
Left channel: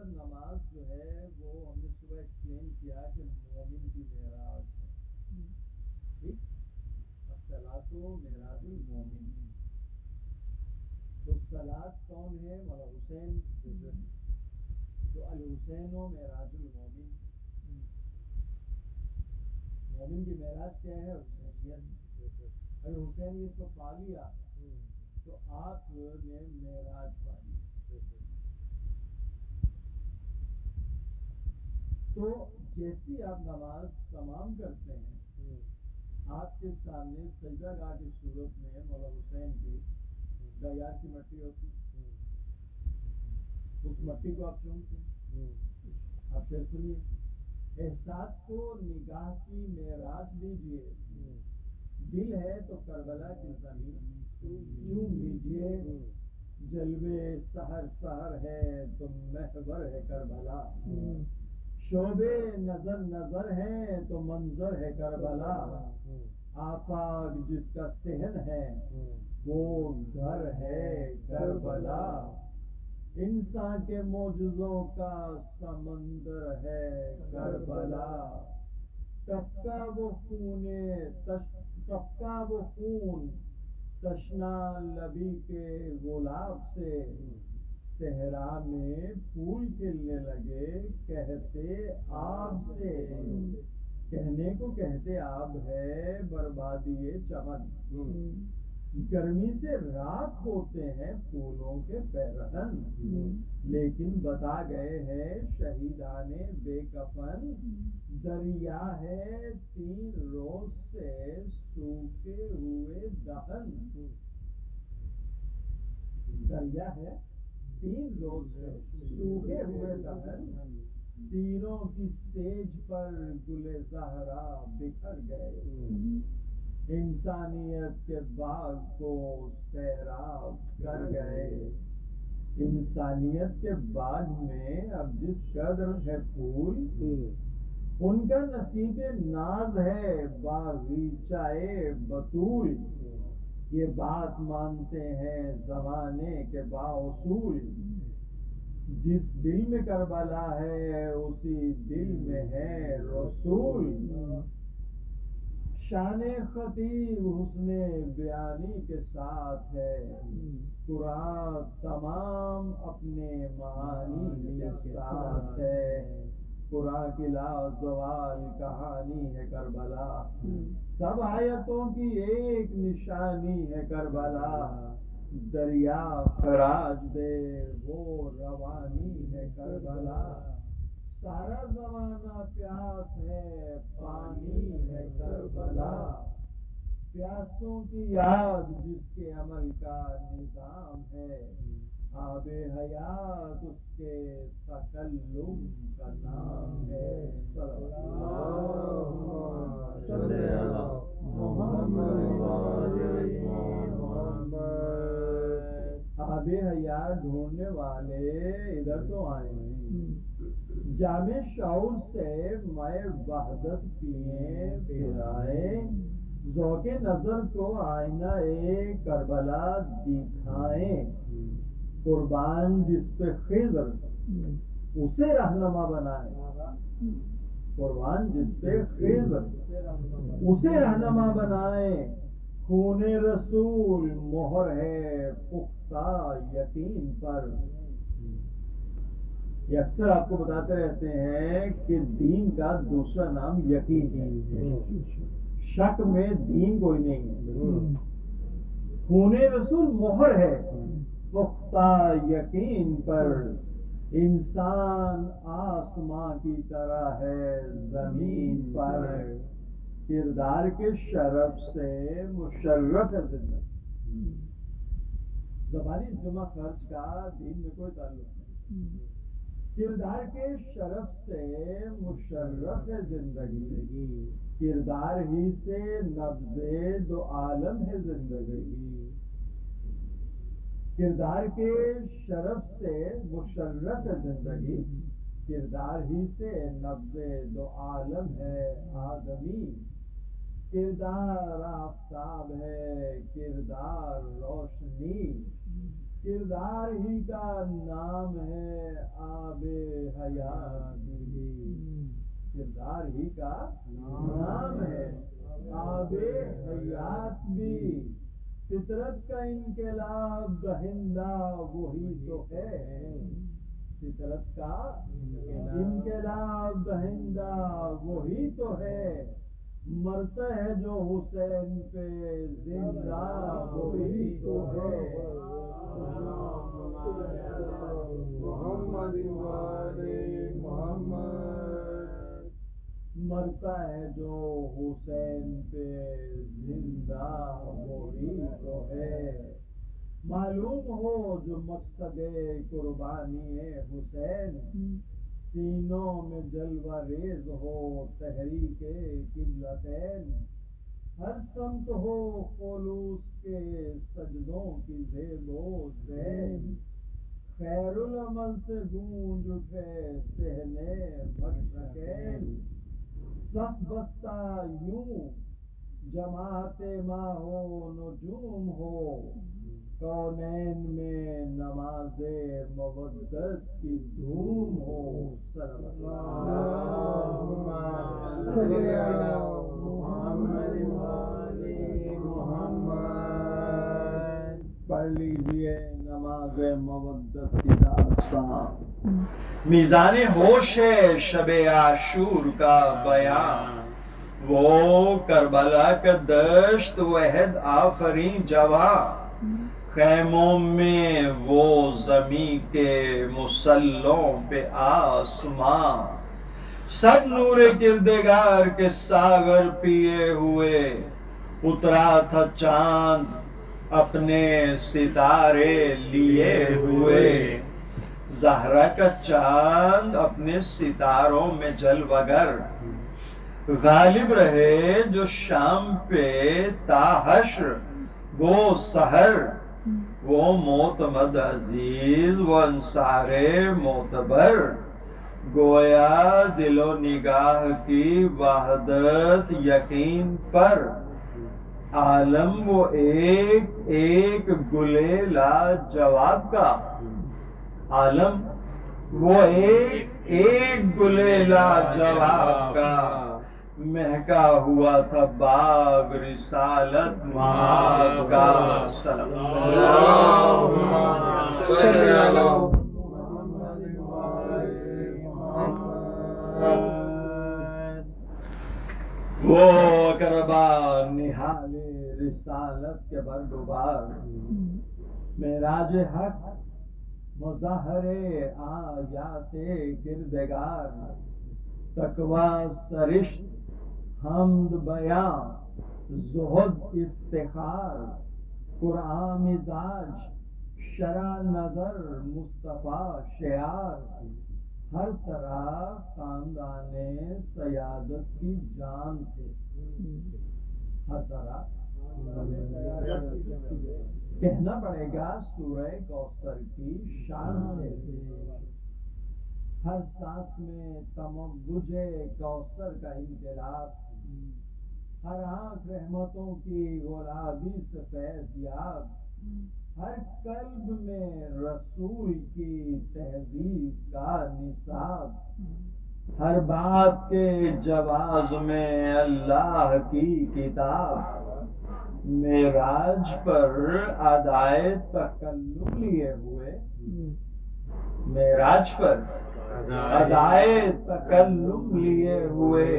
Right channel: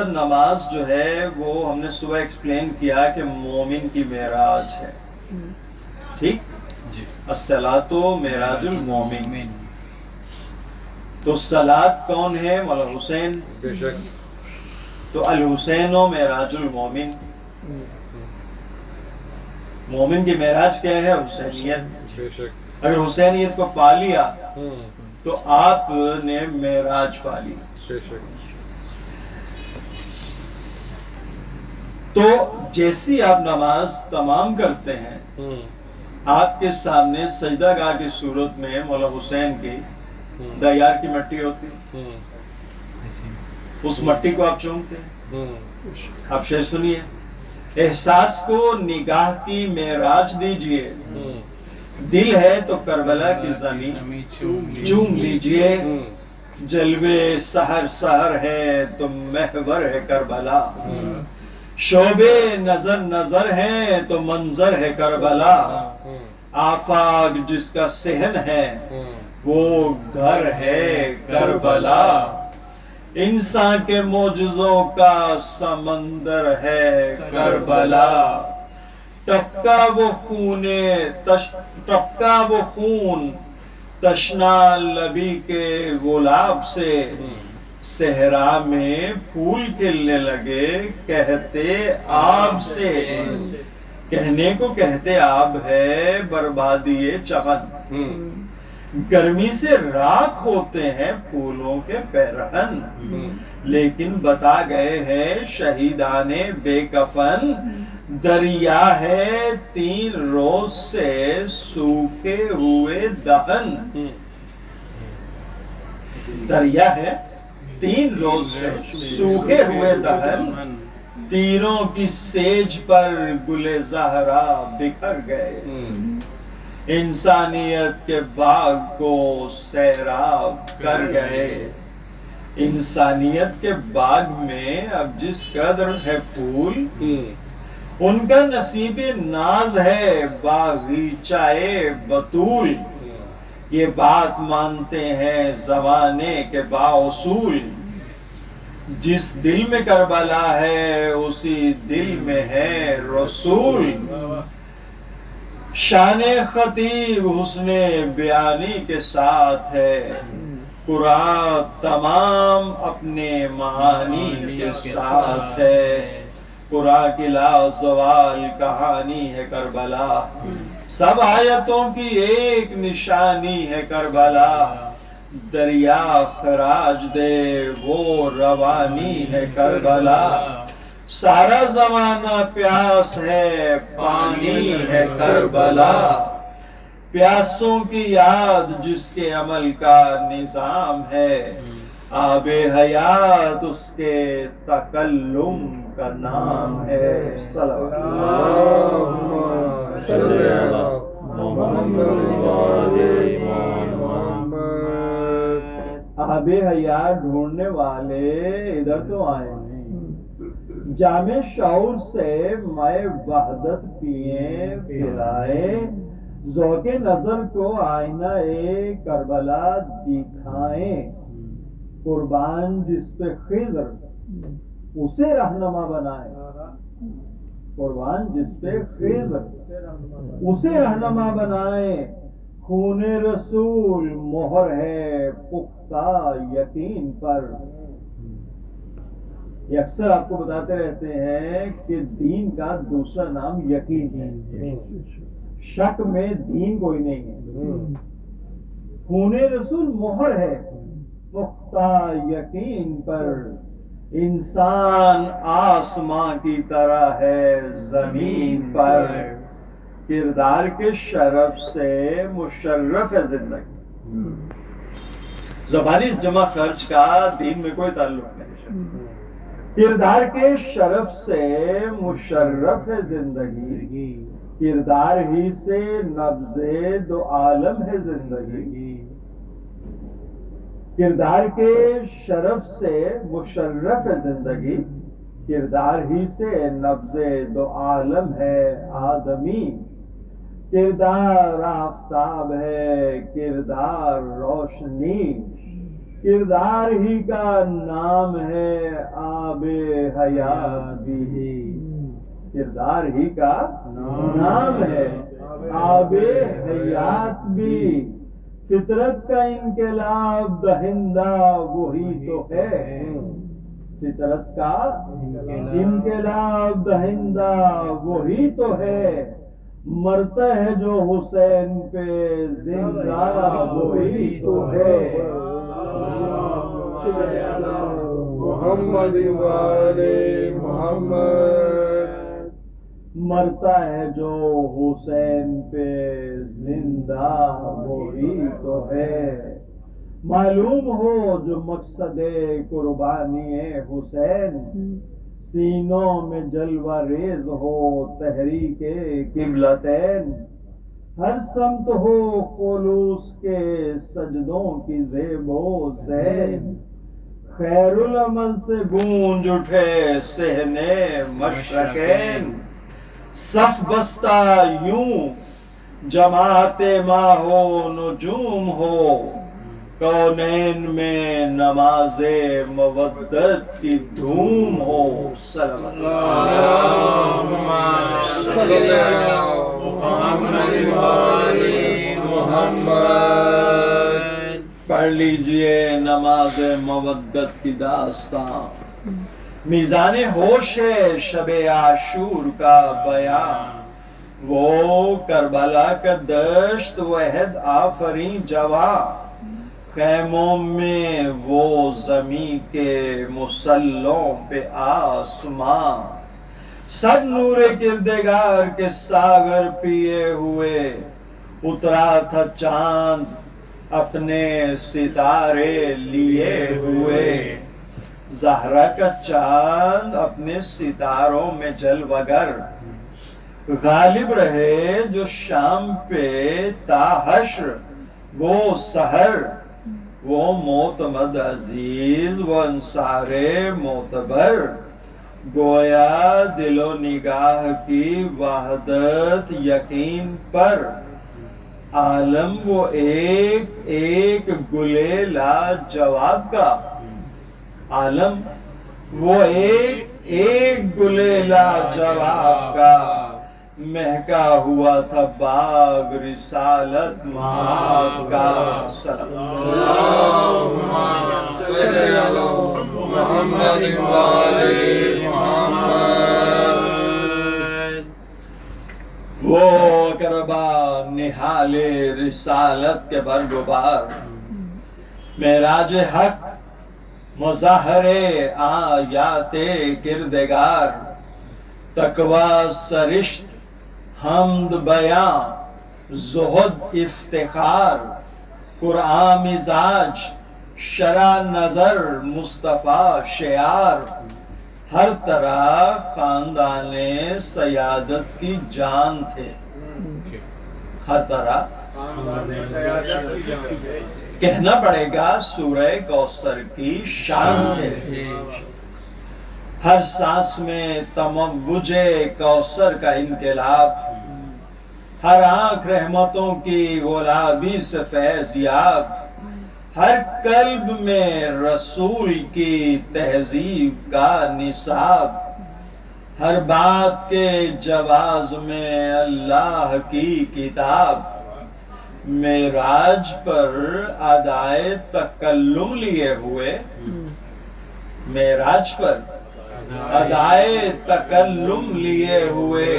نماز جو ہے وہ ہم نے صبح ایکسپلین کیا کہ مومن کی معراج ہے، ٹھیک؟ الصلاۃ معراج المومن، تو صلاۃ کون ہے؟ مولا حسین، بے شک، تو الحسین و معراج المومن، مومن کی معراج کیا ہے؟ حسینیت. بے شک. اگر حسینیت کو پا لیا ہوں. تو آپ نے معراج پا لی. بے شک. تو جیسی آپ نماز تمام کرتے ہیں ہوں. آپ کے سامنے سجدہ گاہ کی صورت میں مولا حسین کی ہوں. دیار کی مٹی ہوتی، ہوں. اس مٹی کو آپ چومتے ہیں. ہوں. آپ شعر سنیے. احساس کو نگاہ کی معراج دیجئے، ہوں. دل ہے تو کربلا کی زمین چوم لیجئے. ہوں. جلوے سحر سحر ہے تو محور ہے کربلا، شعبے نظر نظر ہے تو منظر ہے کربلا. ہوں. آفاق جس کا صحن ہے ہوں. وہ گھر ہے کربلا. انسان کے معجزوں کا سمندر ہے کربلا. ٹپکا وہ خون تشنا لبی کے گلاب سے، صحرا میں پھول کھلنے لگے کہتے آب سے. کہنے کو کہتے آب ہے بربادی چمن، ہوں. گرمی سے راکھ ہوتے ہیں پھولوں کے پیرہن. لیکن بتا گئے ہیں شہیدان بے کفن، دریا ہے 3 روز سے سوکھے ہوئے دہن. دریا ہے 3 روز سے سوکھے ہوئے دہن، تیروں کی سیج پر گل زہرا بکھر گئے. انسانیت کے باغ کو سیراب کر گئے. انسانیت کے باغ میں اب جس قدر ہے پھول، ان کا نصیب ناز ہے باغیچہ بطول. یہ بات مانتے ہیں زمانے کے بااصول، جس دل میں کربلا ہے اسی دل میں ہے رسول. شان خطیب حسن بیانی کے ساتھ ہے، قرآن تمام اپنے معانی کے ساتھ ہے. قرآن کی لازوال کہانی ہے کربلا، سب آیتوں کی ایک نشانی ہے کربلا. دریا خراج دے وہ روانی ہے کربلا. سارا زمانہ پیاس ہے پانی ہے کربلا. پیاسوں کی یاد جس کے عمل کا نظام ہے، آب حیات اس کے تکلم کا نام ہے. اللہم صلی علی محمد وآل محمد. آب حیات ڈھونڈنے والے ادھر تو آئے ہیں، جام شعور سے مائے وحدت پیئیں پلائے. ذوق نظر کو آئینہ کربلا دکھائیں. قربان جس پہ خضر اسے رہنما بنائے. قربان جس پہ خضر اسے رہنما بنائے. خون رسول مہر ہے پختہ یقین پر. یہ اکثر آپ کو بتاتے رہتے ہیں کہ دین کا دوسرا نام یقین ہے. شک میں دین کوئی نہیں ہے. خون رسول مہر ہے پختہ یقین پر. انسان آسمان کی طرح ہے زمین پر. کردار کے شرف سے مشرف ہے زندگی. زبانی جمع خرچ کا دین میں کوئی تعلق نہیں. کردار کے شرف سے مشرف ہے زندگی. کردار ہی سے نبض 2 عالم ہے زندگی. کردار کے شرف سے مشرف ہے زندگی. کردار ہی سے نبض 2 عالم ہے آدمی. کردار آفتاب ہے کردار روشنی. کردار ہی کا نام ہے آب حیات بھی. کردار ہی کا نام ہے آب حیات بھی. فطرت کا انقلاب دہندہ وہی تو ہے. فطرت کا انقلاب دہندہ وہی تو ہے. مرتا ہے جو حسین پہ زندہ وہی تو ہے. محمد والے محمد. مرتا ہے جو حسین پہ زندہ وہی تو ہے. معلوم ہو جو مقصد قربانی حسین، سینوں میں جلوہ ریز ہو تحریک قبلتین. ہر سمت ہو خلوص کے سجدوں کی زیب و زین. خیر العمل سے گونج اٹھے صحنے مشرقین. صف بستہ یوں جماعت ماہ و نجوم ہو، کونین میں نماز مودت کی دھوم ہو. صلی اللہ محمد والے محمد. پڑھ لیجئے نماز مودت کی داستان. میزان ہوش ہے شب عاشور کا بیان. وہ کربلا کا دشت وحد آفریں جوان. خیموں میں وہ زمین کے مسلوں پہ آسمان. سب نور کردگار کے ساغر پیے ہوئے. اترا تھا چاند اپنے ستارے لیے ہوئے. زہرا کا چاند اپنے ستاروں میں جلوگر. غالب رہے جو شام پہ تا حشر وہ سحر. وہ معتمد عزیز وہ انصار معتبر. گویا دل و نگاہ کی وحدت یقین پر. عالم وہ ایک ایک گلے لاجواب کا. عالم وہ ایک ایک گلے لاجواب کا. مہکا ہوا تھا باغ رسالت مآب کا. اللہم صلی علی محمد والے محمد. وہ اقربا نہال رسالت کے برگبار. معراج حق مظاہر آیات کردگار. تقوی سرشت حمد بیاں زہد افتخار. قرآن مزاج شرع نظر مصطفیٰ شعار. ہر طرح خاندان سیادت کی جان تھے. ہر طرح کہنا پڑے گا سورہ کوثر کی شان تھے. ہر سانس میں تموج کوثر کا انقلاب. ہر آنکھ رحمتوں کی گلابی سے فیض یاب. ہر قلب میں رسول کی تہذیب کا نصاب. ہر بات کے جواز میں اللہ کی کتاب. معراج پر ادائے تکلم لیے ہوئے. معراج پر ادائے تکلم لیے ہوئے.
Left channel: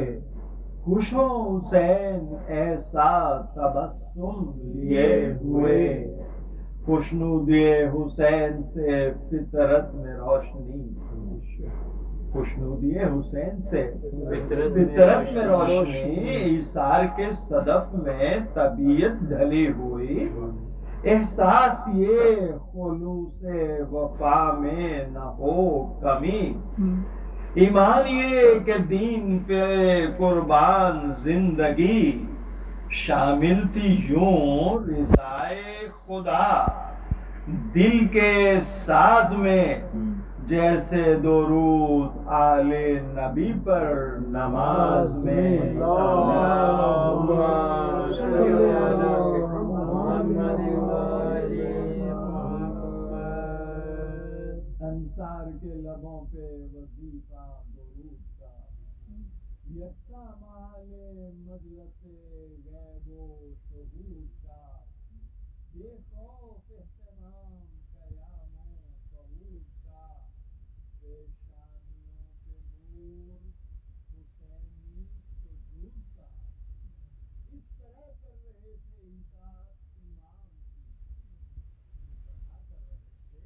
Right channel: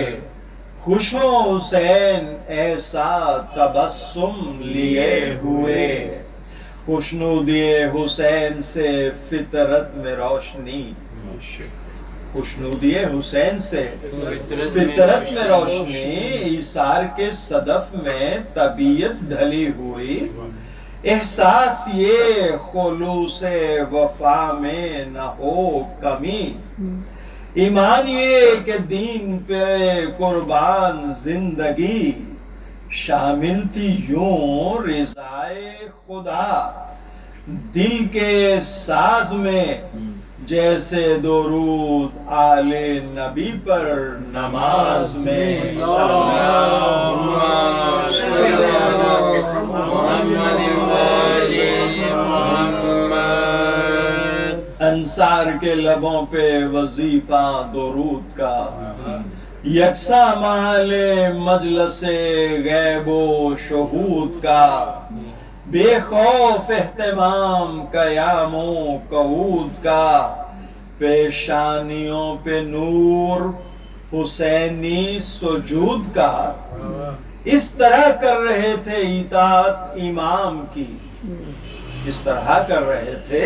خوشو حسین ایسا تبسم لیے ہوئے. خوشنودی حسین سے فطرت میں روشنی. خوشنودی حسین سے فطرت میں روشنی. ایثار کے صدف میں طبیعت ڈھلی ہوئی. احساس یہ خلوص وفا میں نہ ہو کمی. ایمان یہ کہ دین پہ قربان زندگی. شامل تھی یوں رضائے خدا دل کے ساز میں. جیسے درود آل نبی پر نماز میں. اللہم صلی علی محمد والے محمد. انصار کے لبوں پہ وظیفہ درود کا. یکساں مال مجلس غیب و شہود کا. بے خوف اہتمام قیام و قعود کا. پیشانیوں پہ نور حسینی سجود کا اس طرح کر رہے تھے اطاعت امام کی، اس طرح کر رہے تھے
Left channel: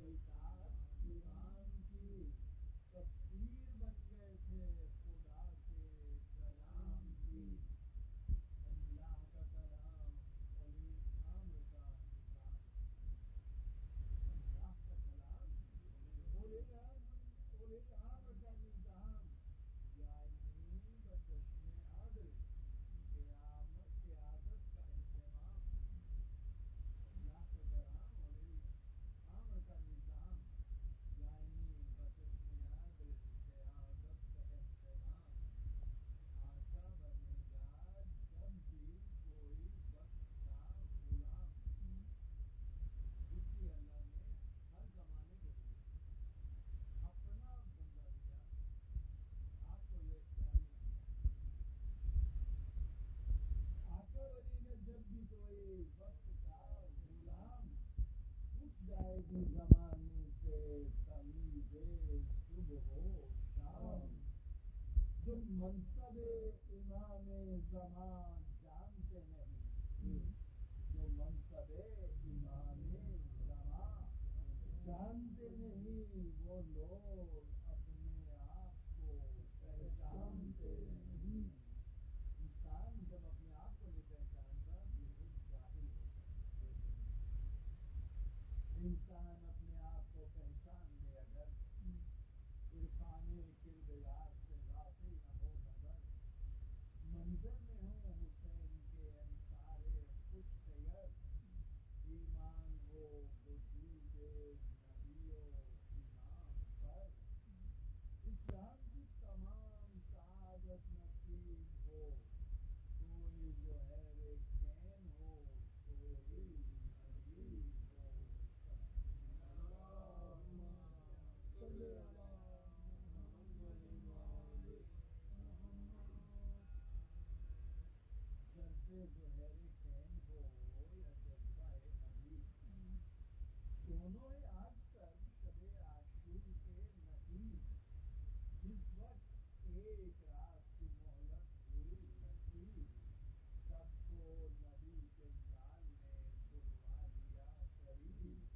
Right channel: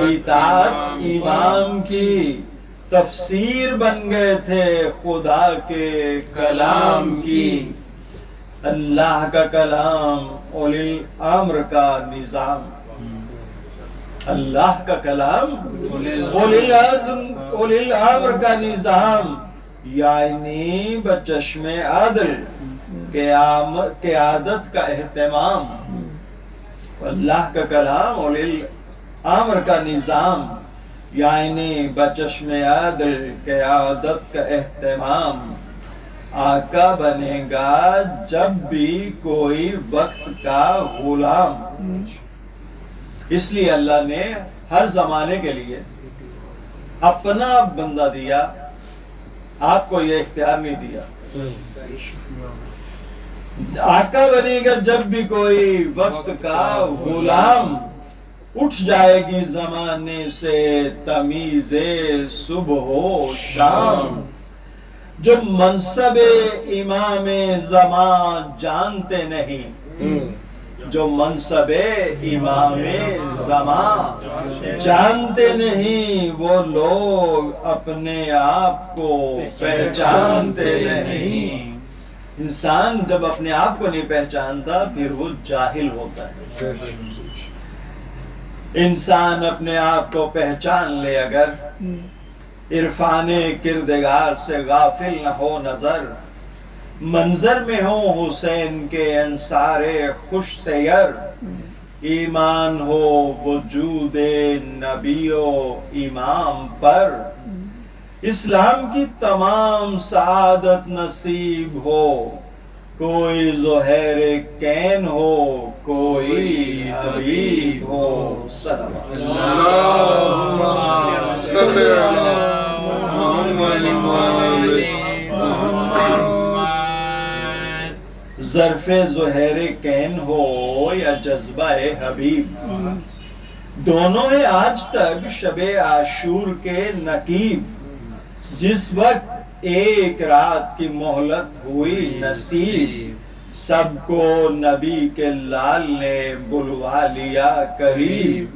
اطاعت امام کی، تفسیر بن گئے تھے خدا کے کلام کی۔ اللہ کا کلام اولی الامر کا نظام، اللہ کا کلام اولی الامر کا نظام، یعنی بچشم عدل قیادت کا اہتمام۔ اللہ کا کلام اولی الامر کا نظام، یعنی بچشم عدل قیادت کا اہتمام۔ آقا بنے گا جب بھی کوئی وقت کا غلام۔ اس لیے اللہ نے ہر زمانے کے لیے اپنا بندہ دیا، آپ کو یہ اختیار نہیں دیا۔ آقا بنے گا جب بھی کوئی وقت کا غلام، اٹھ جائے گی زمانے سے تمیز صبح و شام۔ جو منصب امام زمان جانتے نہیں، جو منصب امام زمان جانتے نہیں، وہ لوگ اپنے آپ کو پہچانتے نہیں۔ انسان جب اپنے آپ کو نہیں پہچانتا پھر وہ جاہل ہوتا ہے۔ انسان اپنے آپ کو پہچان لے اگر، عرفان کردگار سے غافل نہ ہو نظر، منظر میں ہو حسین کے انصار خوش سیر، ایمان ہو وجود نبی و امام پر، اسلام کی تمام سعادت نصیب ہو، کوئی زہیر کین ہو کوئی حبیب ہو۔ صلوات اللہم صلی علی محمد وآل محمد۔ ظرف زہیر کین ہو یا جذبہ حبیب، دونوں ہیں آج تک شب عاشور کے نقیب۔ جس وقت ایک رات کی مہلت ہوئی نصیب، سب کو نبی کے لال نے بلوا لیا قریب۔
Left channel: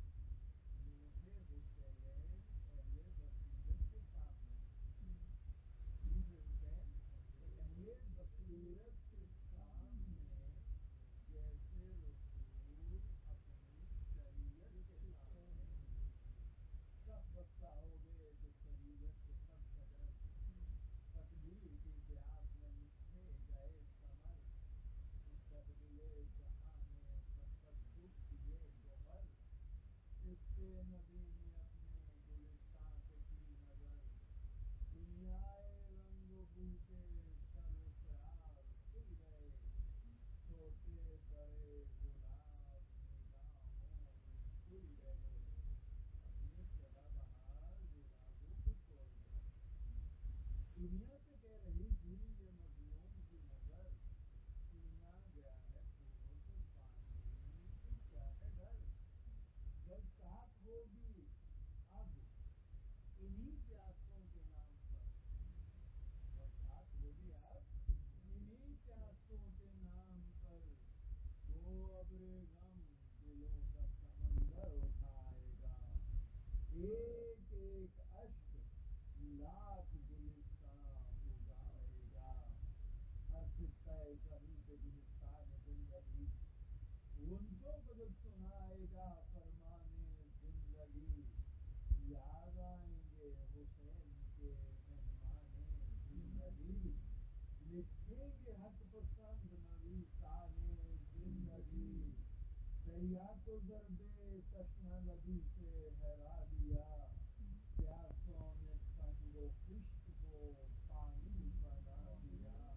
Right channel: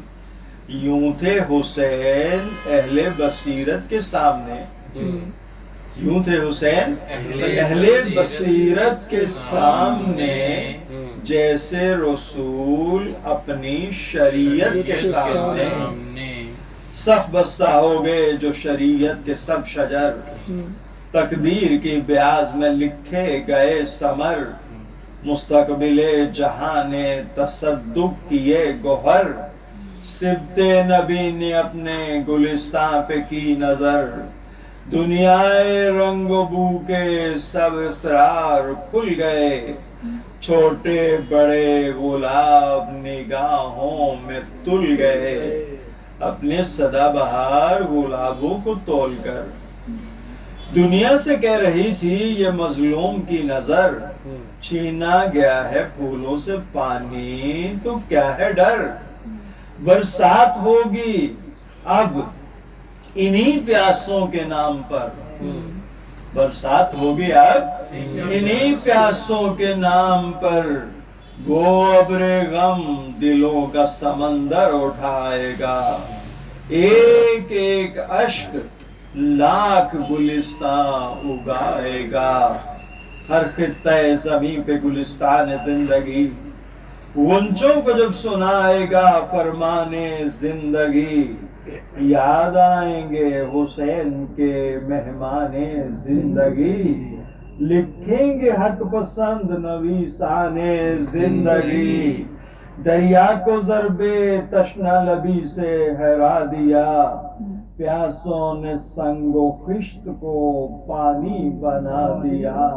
یوں تھے حسین اہل بصیرت کے سامنے، یوں تھے حسین اہل بصیرت کے سامنے، جیسے رسول اپنی شریعت کے سامنے۔ صف بستہ ہو گئے جو شریعت کے سب شجر، تقدیر کی بیاض میں لکھے گئے ثمر، مستقبل جہاں نے تصدق کیے گوہر، سبط نبی نے اپنے گلستان پہ کی نظر، دنیائے رنگ و بو کے سب اسرار کھل گئے، چھوٹے بڑے گلاب نگاہوں میں تل گئے، اپنے سدا بہار گلابوں کو تول کر۔ دنیا سے کہہ رہی تھی یہ مظلوم کی نظر، چھینا گیا ہے پھولوں سے پانی تو کیا ہے ڈر، برسات ہوگی اب انہی پیاسوں کے نام پر، برسات ہوگی اب انہی پیاسوں کے نام پر، گو ابر غم دلوں کا سمندر اٹھائے گا، ایک ایک اشک لاکھ گلستان اگائے گا۔ ہر خطہ زمین پہ گلستان زندگی، غنچوں کو جب سنائے گا فرمان زندگی، یاد آئیں گے حسین کے مہمان زندگی، لکھیں گے حق پسند نویسان زندگی، دریا کو ضرب تشنہ لبی سے ہرا دیا، پیاسوں نے سنگ و خشت کو پانی بنا دیا،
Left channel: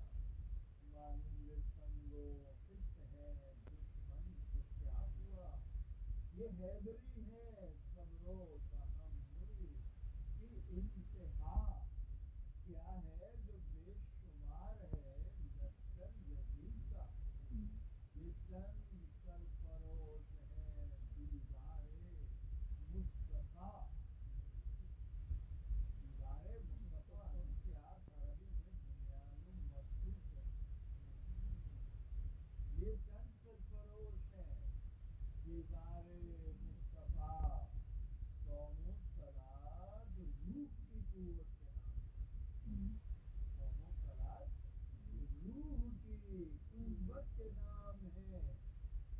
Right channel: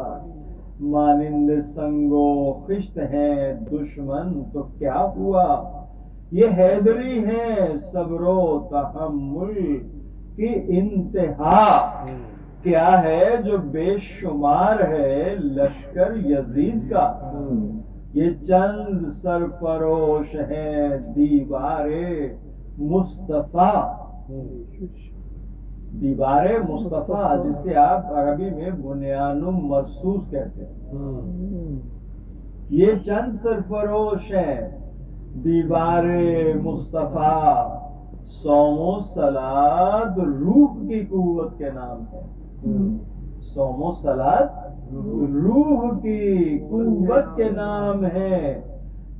مانند سنگ و خشت ہیں دشمن تو کیا ہوا، یہ حیدری ہے صبر و تحمل کی انتہا، کیا ہے جو بے شمار ہے لشکر یزید کا، یہ چند سرفروش ہیں دیوار مصطفیٰ، دیوار مصطفیٰ جسے آپ عربی میں بنیان مرصوص کہتے ہیں، یہ چند سرفروش ہیں. دیوار مصطفیٰ صوم و صلات روح کی قوت کے نام ہے. صوم و صلات روح کی قوت کے نام ہے.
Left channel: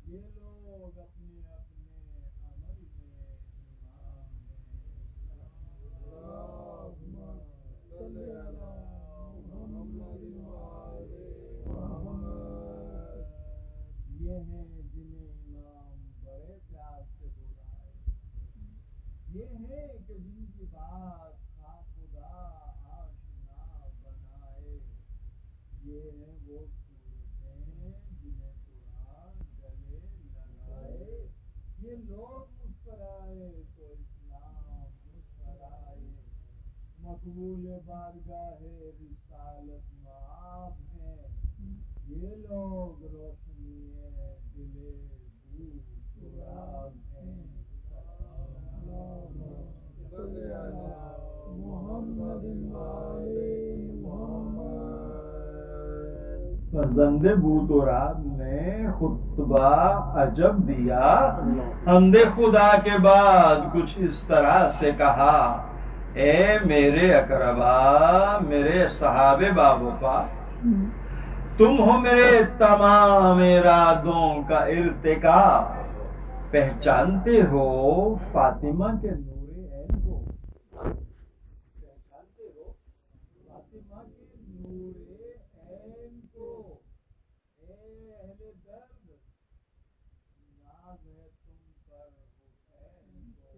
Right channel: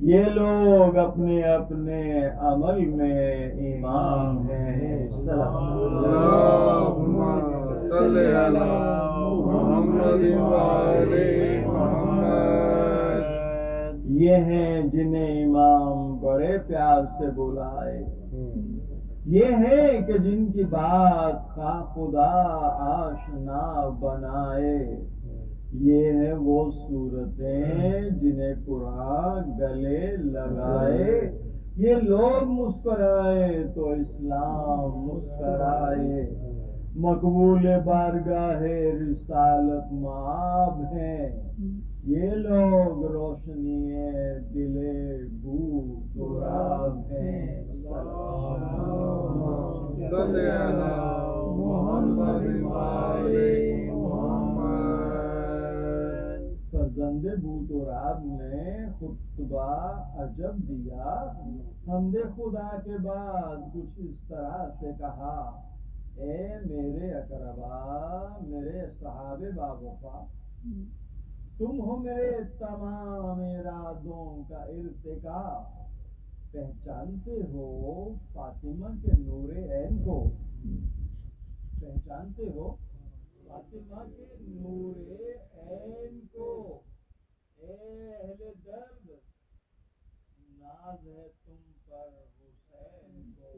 یہ لوگ اپنے اپنے عمل میں امام ہیں. اللہم صلی علی محمد وآل محمد. یہ ہیں جنہیں امام بڑے پیار سے بلائے. یہ ہیں کہ جن کی بات خدا آشنا بنائے. یہ ہیں وہ صورتیں جنہیں قرآن گلے لگائے. یہ لوگ مسکرائے تو اسلام مسکرائے. مقبول بارگاہ رسالت مآب ہیں. یہ لوگ روشنی دل بو تراب ہیں. صلی علی محمد وآل محمد. فرزند بوتوراب نے خطبہ عجب دیا. حمد خدا کے بعد کچھ اس طرح سے کہا: اے میرے اقربا، میرے صحابہ باوفا، تم ہو میرے تمام ارادوں کا ارتقا. پہچانتے ہو فاطمہ کے نور عین کو؟ پہچانتے ہو فاطمہ کے نور عین کو؟ اے اہل درد، ناز ہے تم پر حسین کو.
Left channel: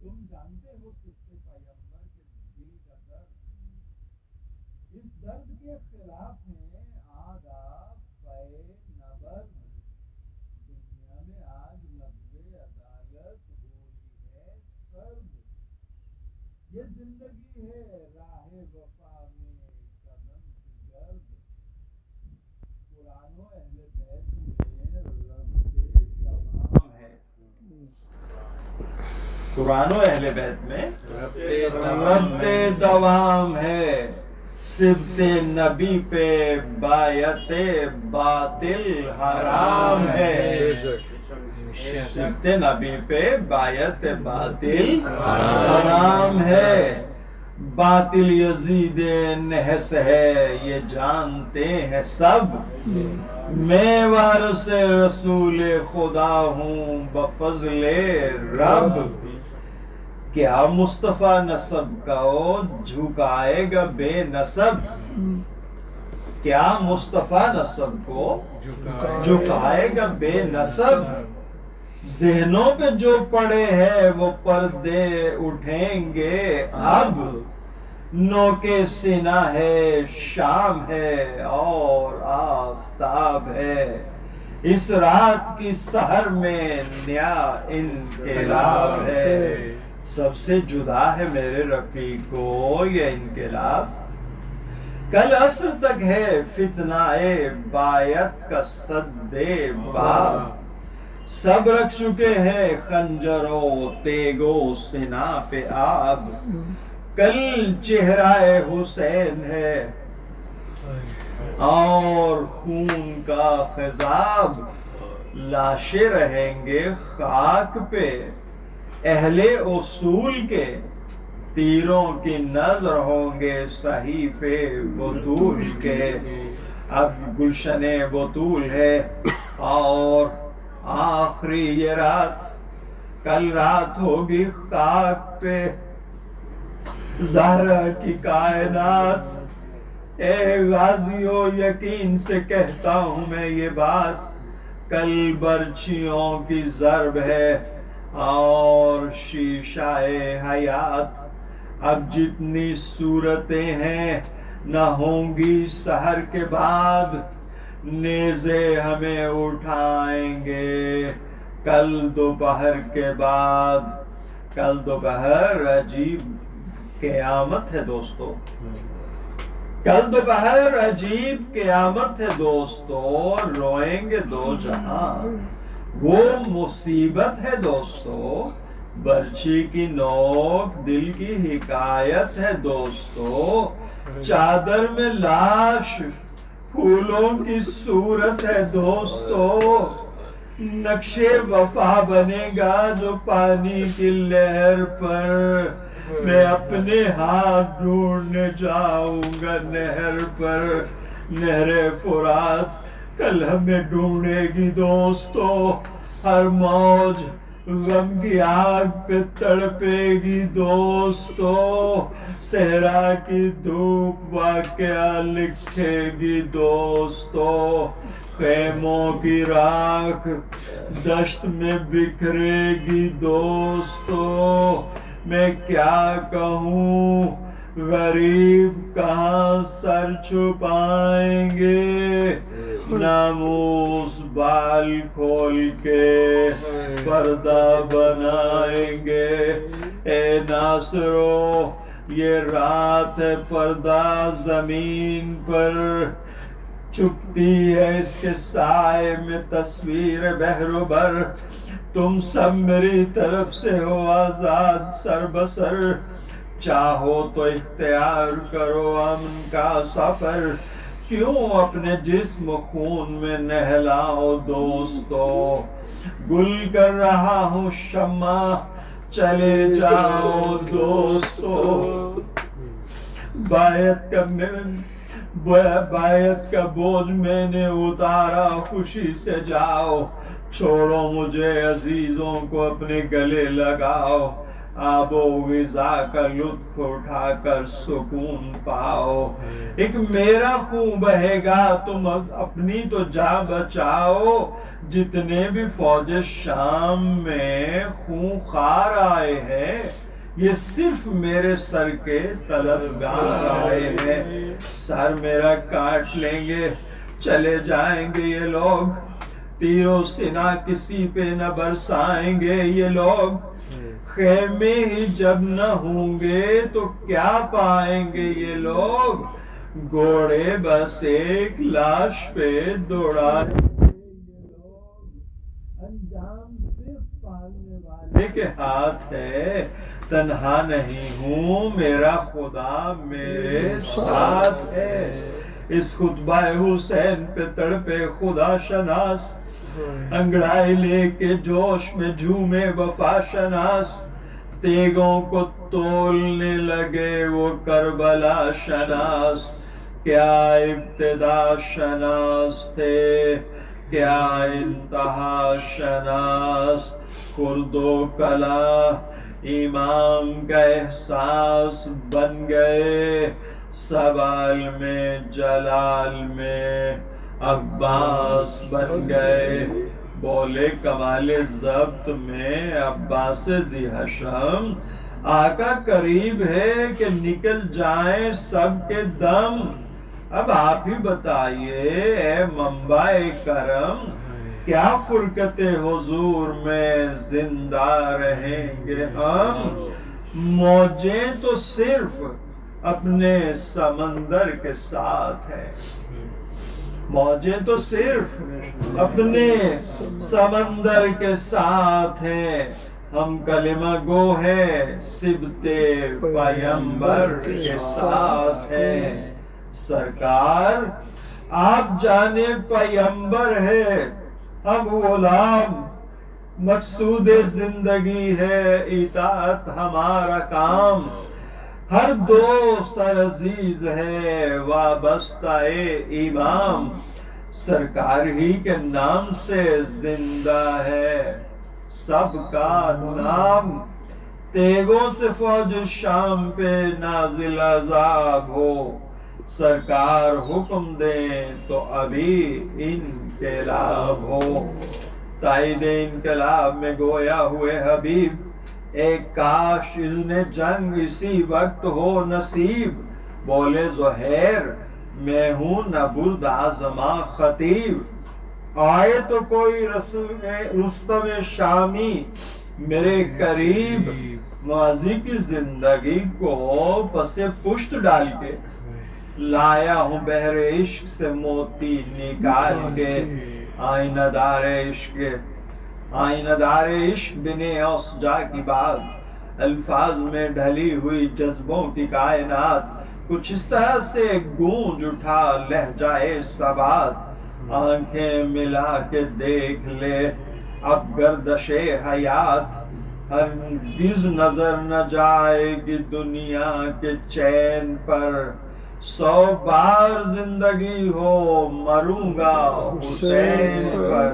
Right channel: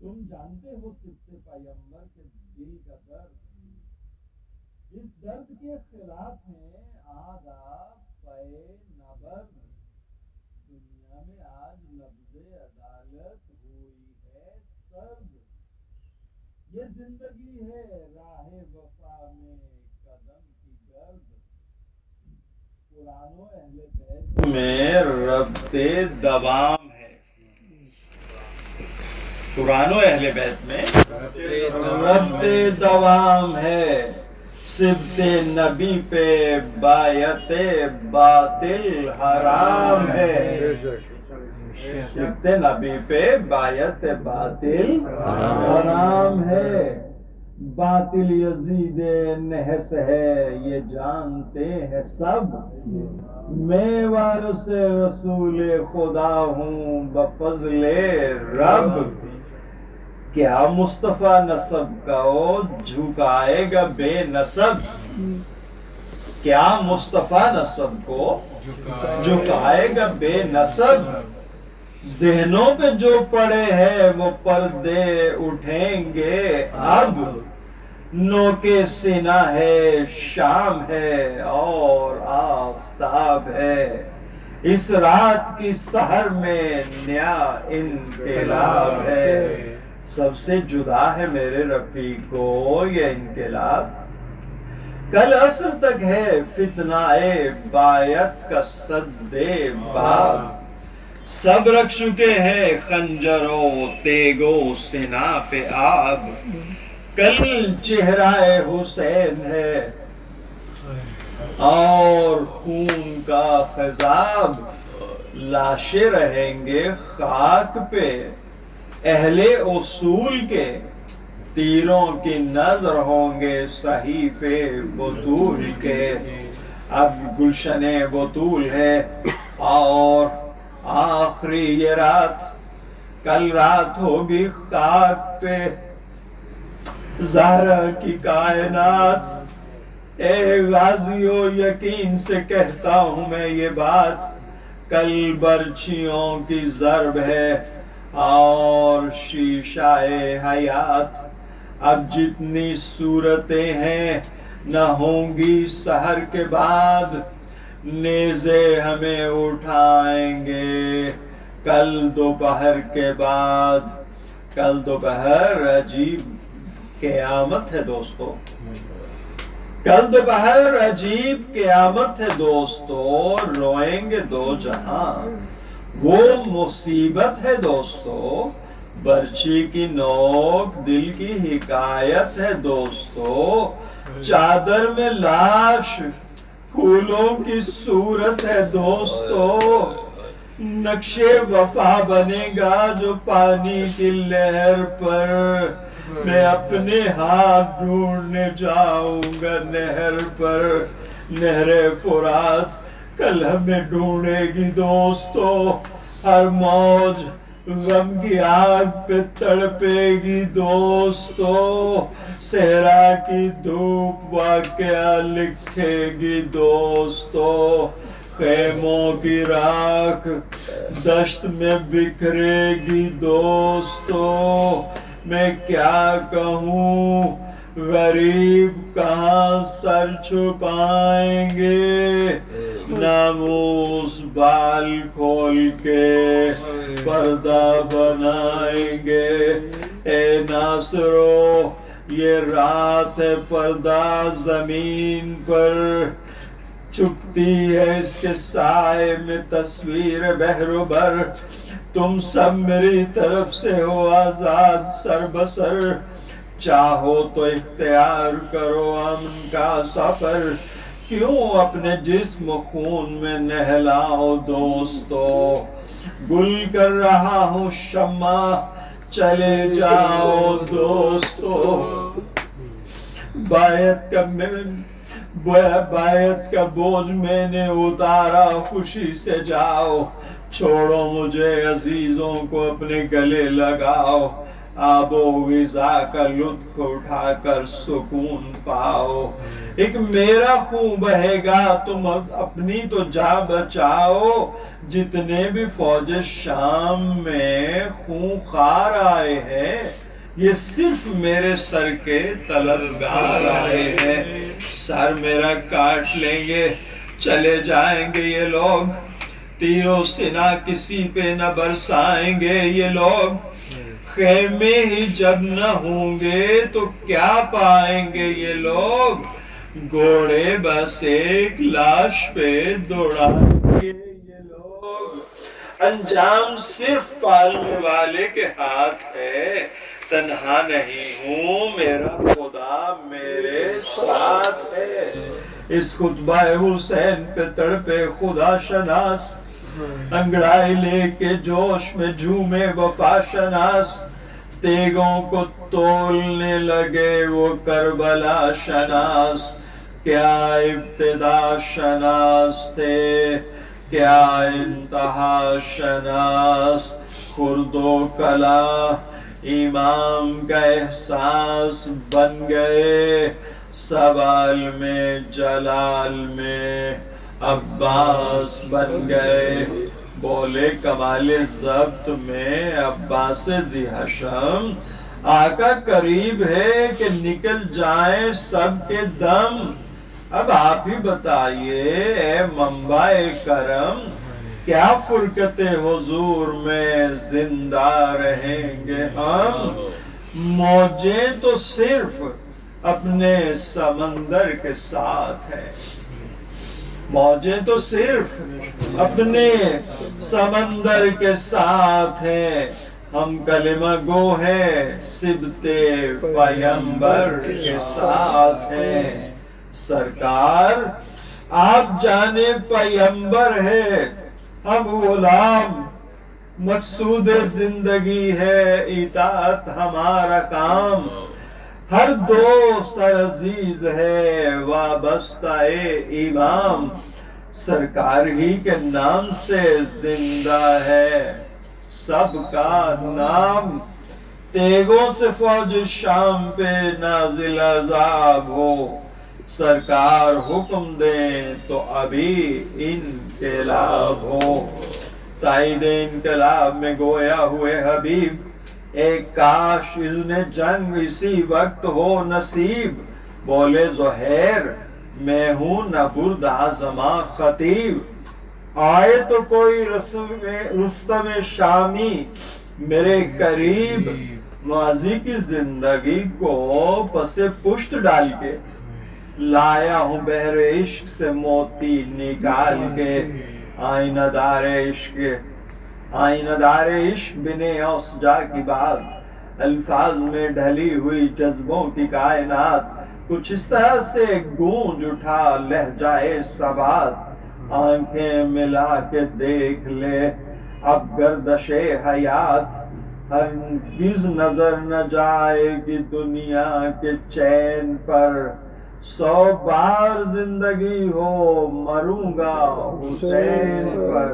تم جانتے ہو صرف پیغمبر کے دل کا درد. اس درد کے خلاف ہیں آداب پے نبرد. دنیا میں آج لفظ عدالت ہوئی ہے سرد. یہ زندگی ہے راہ وفا میں قدم کی گرد. قرآن و اہل بیت میں ربط دوام ہے. قرآن و اہل بیت میں ربط دوام ہے. سبت نبی پہ بایت باطل حرام ہے. سبت نبی پہ بایت باطل حرام ہے. باطل یزید نحس ہے یہ جانتے ہیں سب. میں وارث رسول خدا ہوں بفضل رب. کیا مصطفیٰ نسب کو جھکائے گا بے نسب؟ کیا مصطفیٰ نسب کو جھکائے گا بے نسب؟ ذہنوں پہ جو پڑے ہیں وہ پردے اٹھیں گے اب. نوکے سینہ ہے شام ہے اور آفتاب ہے. اس رات کی سحر میں نیا انقلاب ہے. سب سے جدا ہے میرے رفیق کو یہ انقلاب. کل عصر تک ہے فتنہ بایت کا سد باب. سب رکھ چکے ہیں خنجر و تیگ و سنا پہ آب. کل چہرہ حسین ہے اور خون کا خضاب. لاشیں رہیں گے خاک پہ اہل اصول کے. تیروں کی نظر ہوں گے صحیفے بطول کے. اب گلشن بطول ہے اور آخری یہ رات. کل رات ہوگی خاک پہ زہرا کی کائنات. اے غازیو یقین سے کہتا ہوں میں یہ بات. کل برچھیوں کی ضرب ہے اور شیشہ حیات. اب جتنی صورتیں ہیں نہ ہوں گی سحر کے بعد. نیزے ہمیں اٹھائیں گے کل دوپہر کے بعد. کل دوپہر عجیب قیامت ہے دوستو. کل دوپہر عجیب قیامت ہے دوستو، روئیں گے دو جہاں، وہ مصیبت ہے دوستو، برچھی کی نوک دل کی حکایت ہے دوستو، چادر میں لاش پھولوں کی صورت ہے دوستو، نقش وفا بنے گا جو پانی کی لہر پر، میں اپنے ہاتھ ڈھونڈنے جاؤں گا نہر پر، نہر فرات کل ہمیں ڈھونڈے گی دوستو، ہر موج غم کی آگ پہ تڑپے گی دوستو، صحرا کی دھوپ واقعہ لکھے گی دوستو، خیموں کی راکھ دشت میں بکھرے گی دوستو، میں کیا کہوں غریب کہاں سر چھپائیں گے، ناموس بال کھول کے پردہ بنائیں گے، اے ناصرو یہ رات ہے پردہ زمین پر، چھپتی ہے اس کے سائے میں تصویر بحر و بر، تم سب میری طرف سے ہو آزاد سر بسر، چاہو تو اختیار کرو امن کا سفر، کیوں اپنے جسم خون میں نہلاؤ دوستو، گل کر رہا ہوں شمع چلے جاؤ دوستو، بیعت کا بوجھ میں نے اتارا خوشی سے جاؤ، چھوڑو مجھے عزیزوں کو اپنے گلے لگاؤ، آب و غذا کا لطف اٹھا کر سکون پاؤ، ایک میرا خون بہے گا تم اپنی تو جان بچاؤ، جتنے بھی فوج شام میں خونخوار آئے ہیں یہ صرف میرے سر کے طلبگار آئے ہیں، سر میرا کاٹ لیں گے چلے جائیں گے یہ لوگ، تیر و سنا کسی پہ نہ برسائیں گے یہ لوگ، خیمے ہی جب نہ ہوں گے تو کیا پائیں گے یہ لوگ، گھوڑے بس ایک لاش پہ دوڑائیں گے یہ لوگ، انجام صرف پالنے والے کے ہاتھ ہے، تنہا نہیں ہوں میرا خدا میرے ساتھ ہے، اس خطبہ حسین پہ تڑپے خدا شناس، انگڑائی لے کے جوش میں جھومے وفا شناس، تیگوں کو تولنے لگے وہ کربلا شناس، کیا ابتدا شناس تھے کیا انتہا شناس، خرد و کلا امام کا احساس بن گئے، سوال میں جلال میں عباس بن گئے، بولے کمال ضبط میں عباس ذی حشم، آقا قریب ہے کہ نکل جائیں سب کے دم، اب آپ ہی بتائیے اے منبع کرم، کیا فرقت حضور میں زندہ رہیں گے ہم، موجیں تو صرف اپنے سمندر کے ساتھ ہے، موجیں تو صرف اپنے سمندر کے ساتھ ہیں، ہم کلمہ گو ہیں سبت پیغمبر کے ساتھ ہیں، سرکار آپ جانے پیغمبر ہے، ہم غلام، مقصود زندگی ہے اطاعت ہمارا کام، ہر دوست عزیز ہے وابستہ امام، سرکار ہی کے نام سے زندہ ہے سب کا نام، تیگوں سے فوج شام پہ نازل عذاب ہو، سرکار حکم دیں تو ابھی انقلاب ہو، تائید انقلاب میں گویا ہوئے حبیب، ایک کاش اذن جنگ اسی وقت ہو نصیب، بولے زہیر میں ہوں نہ برد آزما خطیب، آئے تو کوئی رستم شامی میرے قریب، ماضی کی زندگی کو پس پشت ڈال کے لایا ہوں بحر عشق سے موتی نکال کے، آئینہ دار عشق بنے اوسجا کی بات، الفاظ میں ڈھلی ہوئی جذبوں کی کائنات، کچھ اس طرح سے گونج اٹھا لہجہ ثبات، آنکھیں ملا کے دیکھ لے اب گردش حیات، ہرگز نظر نہ جائے گی دنیا کے چین پر، 100 بار زندگی ہو مروں گا حسین پر۔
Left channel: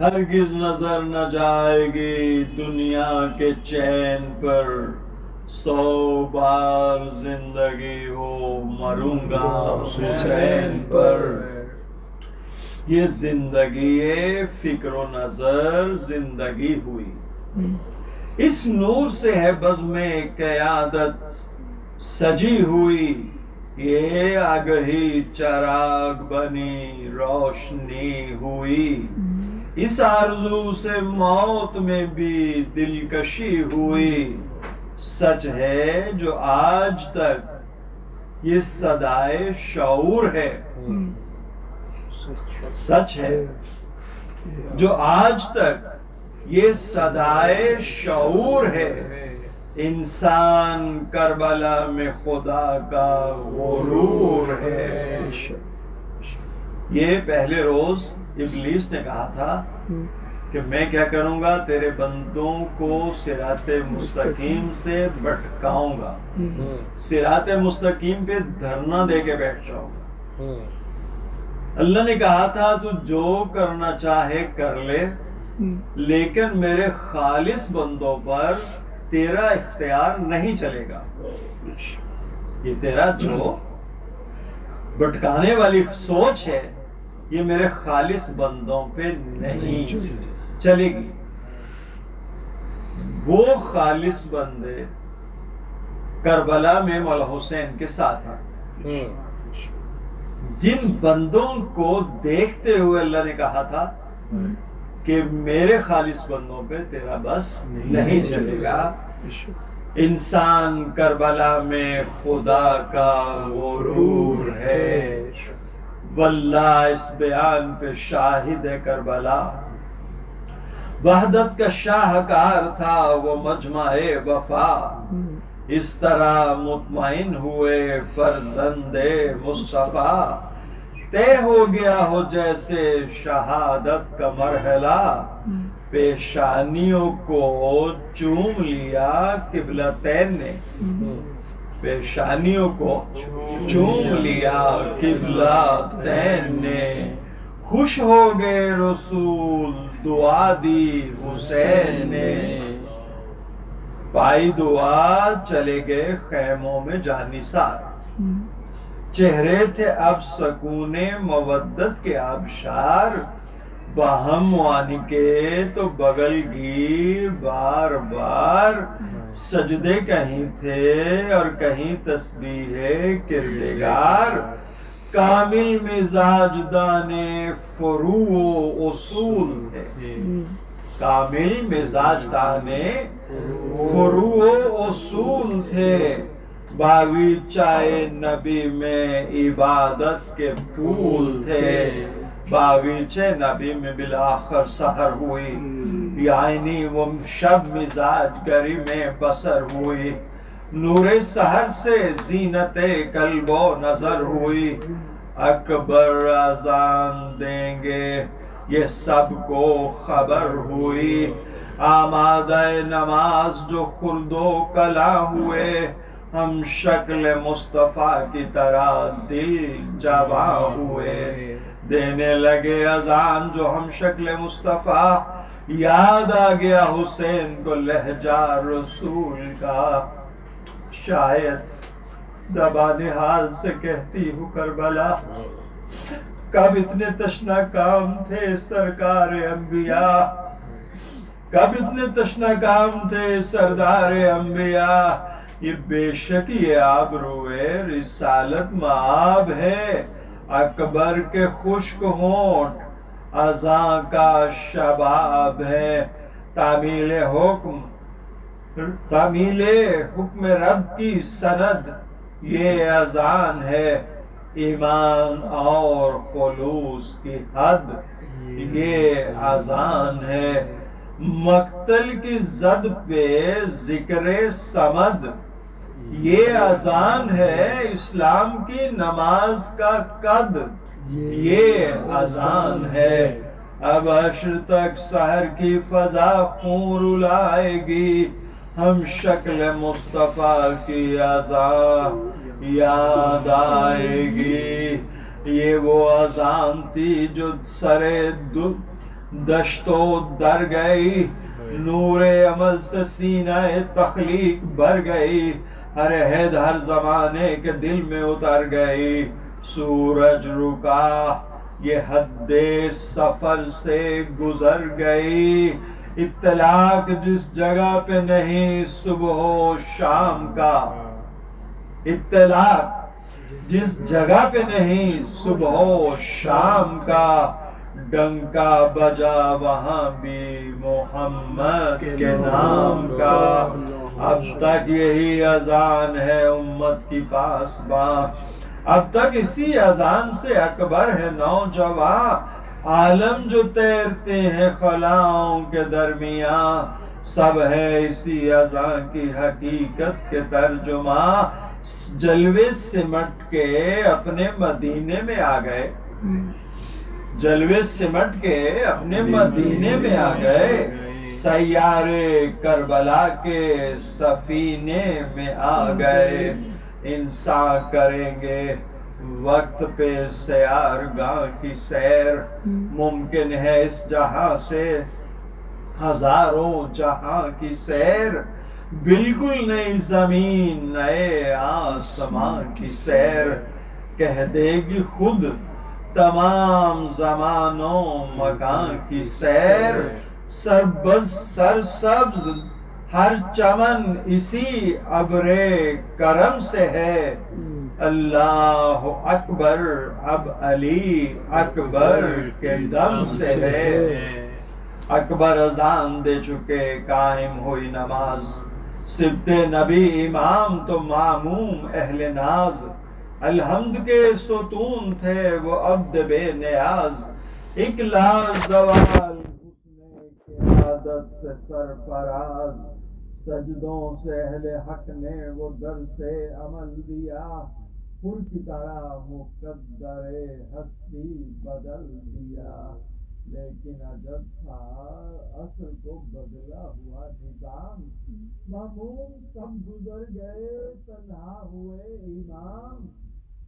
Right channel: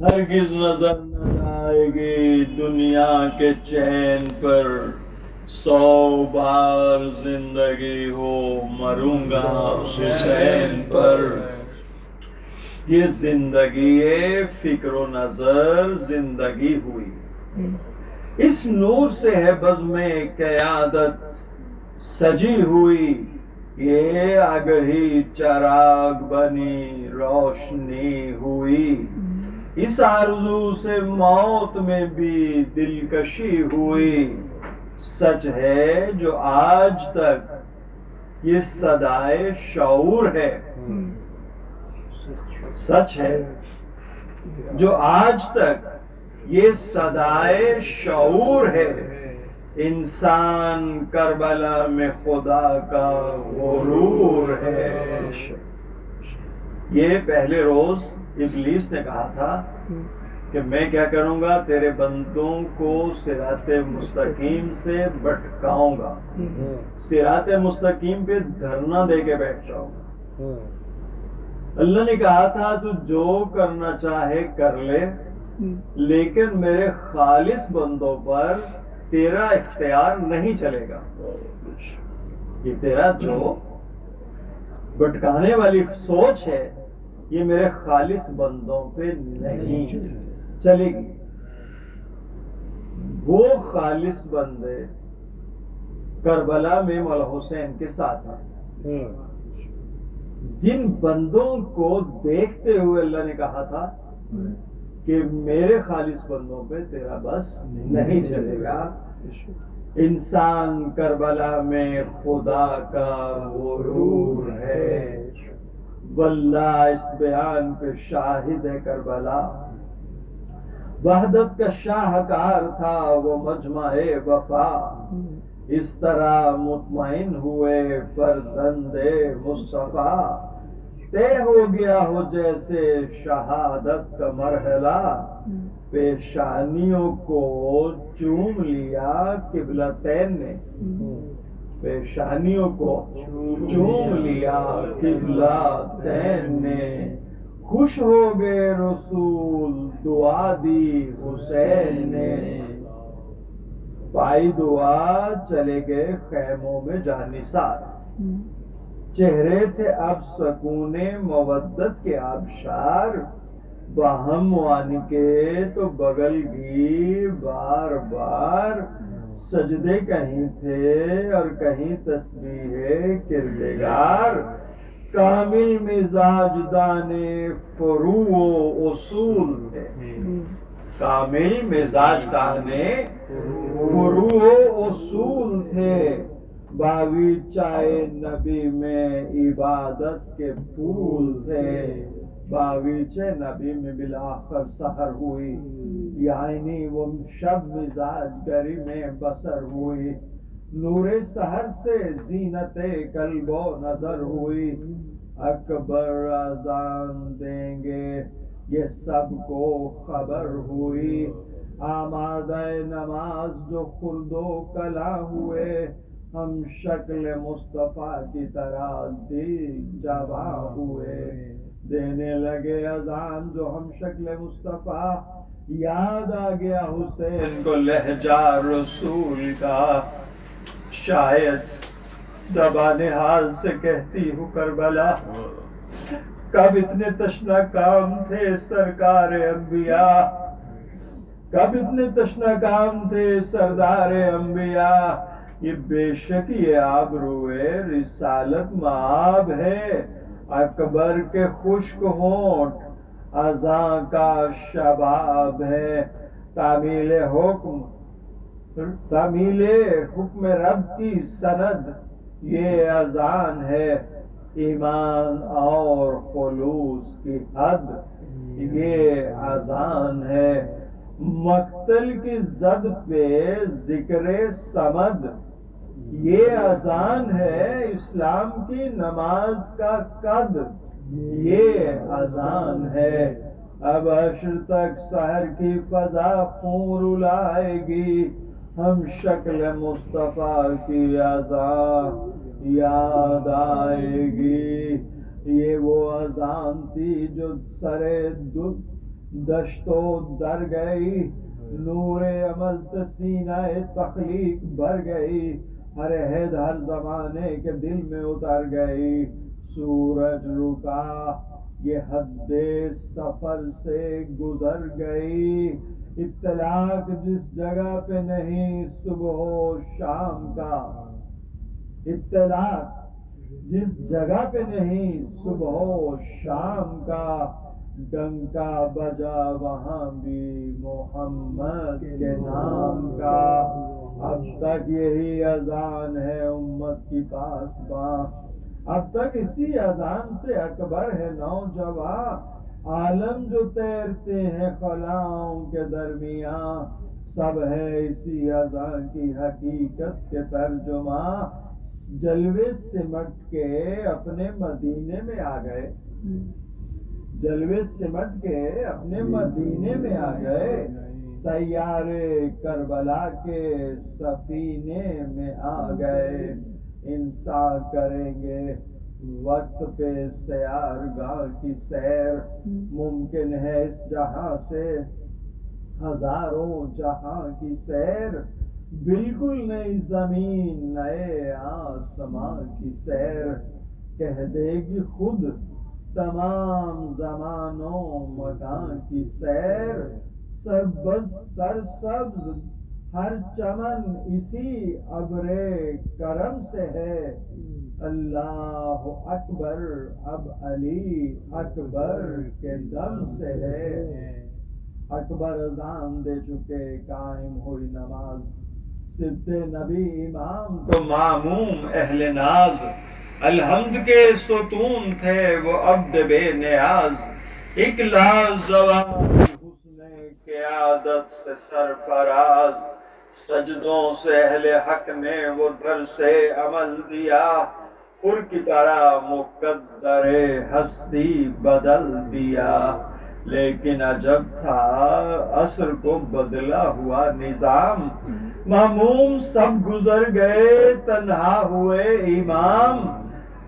ہرگز نظر نہ جائے گی دنیا کے چین پر، 100 بار زندگی ہو مروں گا حسین پر۔ یہ زندگی فکر و نظر زندگی ہوئی، اس نور سے ہے بزم قیادت سجی ہوئی، یہ آگہی چراغ بنی روشنی ہوئی، اس آرزو سے موت میں بھی دلکشی ہوئی، سچ ہے جو آج تک یہ صدائے شعور ہے، سچ ہے جو آج تک یہ صدائے شعور ہے، انسان کربلا میں خدا کا غرور ہے۔ یہ پہلے روز ابلیس نے کہا تھا کہ میں کیا کروں گا، تیرے بندوں کو صراط مستقیم سے بھٹکاؤں گا، صراط مستقیم پہ دھرنا دے کے بیٹھ جاؤں گا۔ اللہ نے کہا تھا تو جو کرنا چاہے کر لے، لیکن میرے خالص بندوں پر تیرا اختیار نہیں چلے گا، یہ تیرا جو بھٹکانے والی سوچ ہے یہ میرے خالص بندوں پہ نہیں چلے گی۔ وہ خالص بندے کربلا میں مولا حسین کے ساتھ ہیں، جن بندوں کو دیکھتے ہوئے اللہ نے کہا تھا کہ میرے خالص بندوں پہ تیرا بس نہیں چلے گا۔ انسان کربلا میں خدا کا غرور ہے، واللہ اس بیان پہ شاہد ہے کربلا، وحدت کا شاہکار تھا وہ مجمع وفا، اس طرح مطمئن ہوئے فرزند مصطفیٰ، طے ہو گیا ہو جیسے شہادت کا مرحلہ، پیشانیوں کو چوم لیا قبلتین نے، پیشانیوں کو چوم لیا قبلتین نے، خوش ہو گئے رسول دعا دی حسین نے، پائی دعا چلے گئے خیموں میں جانثار، چہرے تھے اب سکون مودت کے آبشار، باہم معانقے تو بغل گیر بار بار، سجدے کہیں تھے اور کہیں تسبیح کردگار، کامل مزاج دانے فروع و اصول تھے، کامل مزاج دانے فروع و اصول تھے، باغیچہ نبی میں عبادت کے پھول تھے، باغیچہ نبی میں بالآخر سحر ہوئی، یعنی وہ شب مزاج گری میں بسر ہوئی، نور سحر سے زینت قلب و نظر ہوئی، اکبر اذان دیں گے یہ سب کو خبر ہوئی، آمادہ نماز جو خلد و کلاں ہوئے، ہم شکل مصطفیٰ کی طرح دل جواں ہوئے، دینے لگے اذان جو ہم شکل مصطفیٰ، یاد آ گیا حسین کو لہجہ رسول کا، شاید زبان حال سے کہتی ہوں کربلا، کب اتنے تشنا کام تھے سرکار انبیاء، کب اتنے تشنا کام تھے سردار انبیاء. یہ بے شک یہ آبروئے رسالت مآب ہے، اکبر کے خشک ہونٹ اذاں کا شباب ہے. تعمیل حکم رب کی سند یہ اذان ہے، ایمان اور خلوص کی حد یہ اذان ہے. مقتل کی زد پہ ذکر صمد یہ اذان ہے، اسلام کی نماز کا قد یہ اذان ہے. اب عشر تک سحر کی فضا خون رلائے گی، ہم شکل مصطفیٰ کی اذان یاد آئے گی. یہ وہ اذان تھی جو سرے دشت و در گئی، نور عمل سے سینہ تخلیق بھر گئی، ہر عہد ہر زمانے کے دل میں اتر گئی. سورج رکا یہ حد سفر سے گزر گئی، اطلاق جس جگہ پہ نہیں صبح و شام کا، اطلاق جس جگہ پہ نہیں صبح و شام کا، ڈنکا بجا وہاں بھی محمد کے نام کا. اب تک یہی اذان ہے امت کی پاسباں، اب تک اسی اذان سے اکبر ہے نوجوان. عالم جو تیرتے ہیں خلاؤں کے درمیان، سب ہے اسی اذان کی حقیقت کے ترجمہ. جلوے سمٹ کے اپنے مدینے میں آ گئے، جلوے سمٹ کے اپنے مدینے میں آ گئے، سیارے کربلا کے سفینے میں آ گئے. انسان کریں گے وقت پہ سیار گاہ کی سیر، ممکن ہے اس جہاں سے ہزاروں جہاں کی سیر، بالکل نئی زمین نئے آسمان کی سیر. کہہ دے گی خود تمام زمانوں مکان کی سیر، سرسبز ہر چمن اسی ابر کرم سے ہے. اللہ اکبر اب علی اکبر کے دم سے ہے. اکبر اذان دے چکے قائم ہوئی نماز، سبت نبی امام تو معموم اہل ناز. الحمد کے ستون تھے وہ عبد بے نیاز، ایک لازوال حسن قیادت سے سرفراز. سجدوں سے اہل حق نے وہ در سے عمل دیا، خور کی طرح مقدر ہستی بدل دیا. لیکن عجب تھا عصر کو بدلا ہوا نظام، ماموم سب گزر گئے تنہا ہوئے امام.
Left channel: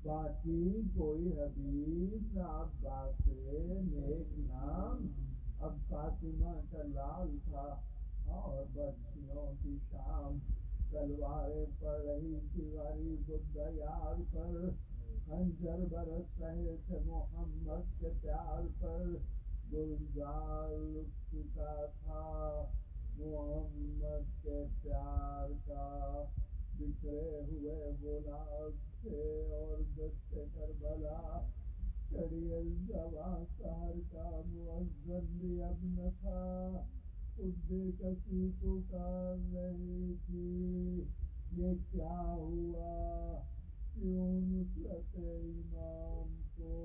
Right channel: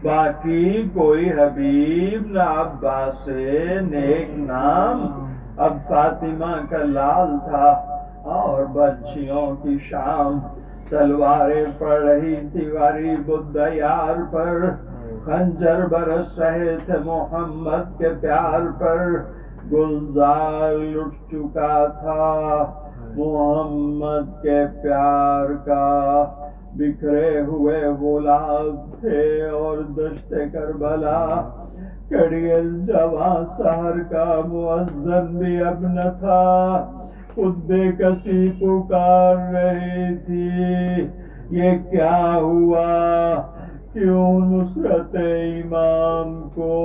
باقی کوئی حبیب نہ عباس نیک نام، اب فاطمہ کا لال تھا اور بچیوں کی شام. تلواریں پڑ رہی تھی غریب الدیار پر، خنجر برس رہے تھے محمد کے پیار پر. گلزار لٹ چکا تھا محمد کے پیار کا، بکھرے ہوئے گلاب تھے اور دشت کربلا. کڑیل جوان سحر کا مؤذن بھی اب نہ تھا، خود بے کسی پکار رہی تھی. یہ کیا ہوا کیوں نصرت امام کو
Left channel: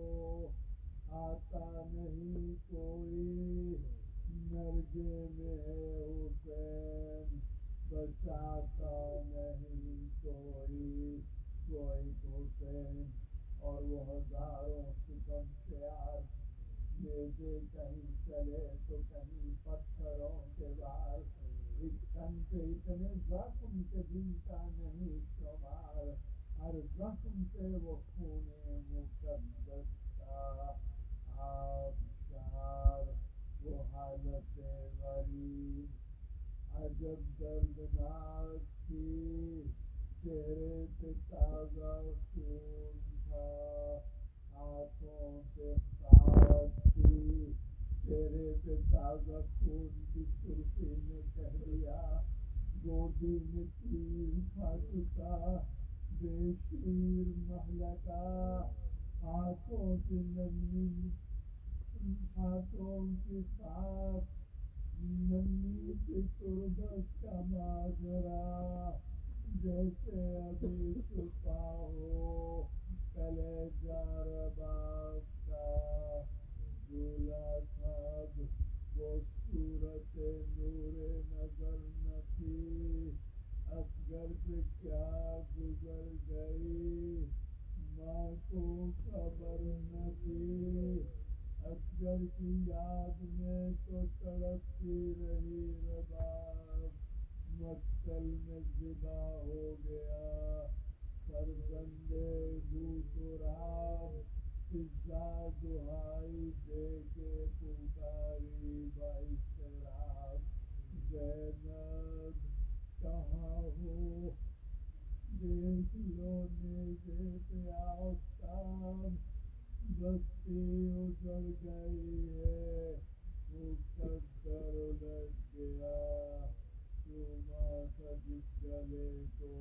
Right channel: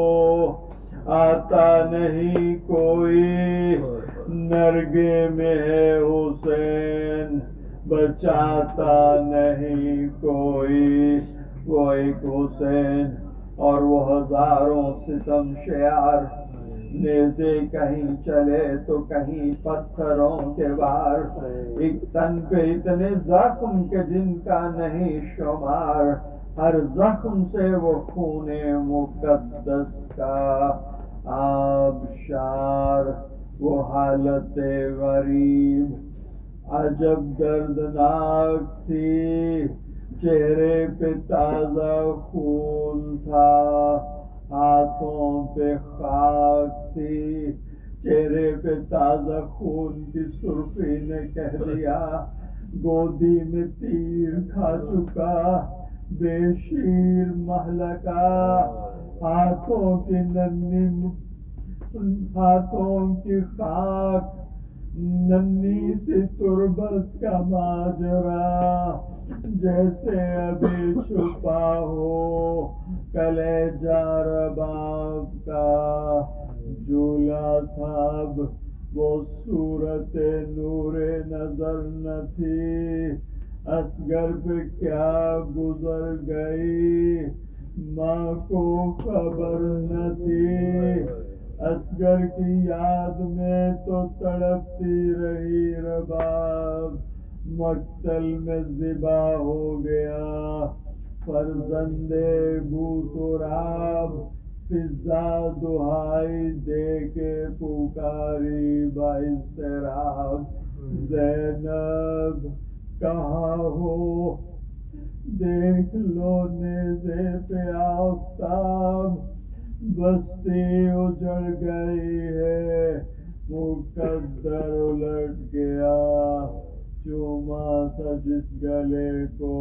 آتا نہیں کوئی، نرگے میں ہے حسین بچاتا نہیں کوئی. وہ ایک حسین اور وہ ہزاروں ستم شیار، نیزے کہیں چلے تو کہیں پتھروں کے وار. ایک تن پہ اتنے زخم کہ جن کا نہیں شمار، ہر زخم سے وہ خون مقدس کا آبشار. وہ حالت غریب عجب دردناک تھی، چہرے پہ تازہ خون تھا، ہاتھوں پہ خاک تھی، چہرے پہ تازہ خون کی سرخی نے کہہ دیا گودی میں تیر کھا چکا بے شیر مہلکا، ہاتھوں کی خاک، ننھی سی تربت کا ماجرا، جیسے ابھی چھپا ہو کلیجہ رباب کا، جھولا تھا اب وہ صورت نور نظر نہ تھی، اصغر پہ کیا گزر گئی ماں کو خبر نہ تھی، اصغر کی یاد میں تو تڑپتی رہی رباب، مقتل میں ذبح ہو گیا فرزند بو تراب، فضا دہائی دے کے پکاری بااضطراب، زینب کہاں ہو دیکھ لو نیزے پہ آفتاب، بستی اجڑ گئی ہے مقدر الٹ گیا، چوما تھا جس گلے کو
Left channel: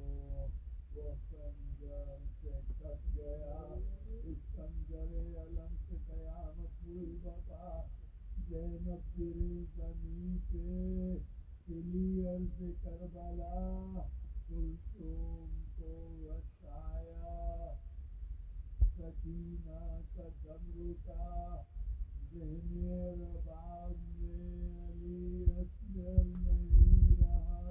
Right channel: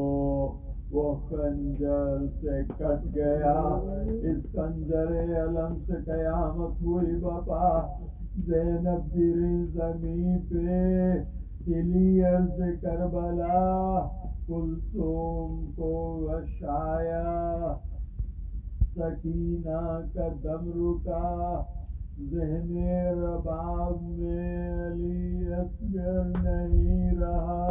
وہ خنجر سے کٹ گیا، اس خنجر علم سے قیامت ہوئی بپا، زینب گری زمین پہ ہلی عرض کربلا، کلثوم کو غشایا سکینہ کا دم رکا، ذہن رباب میں علی اصغر نہیں رہا،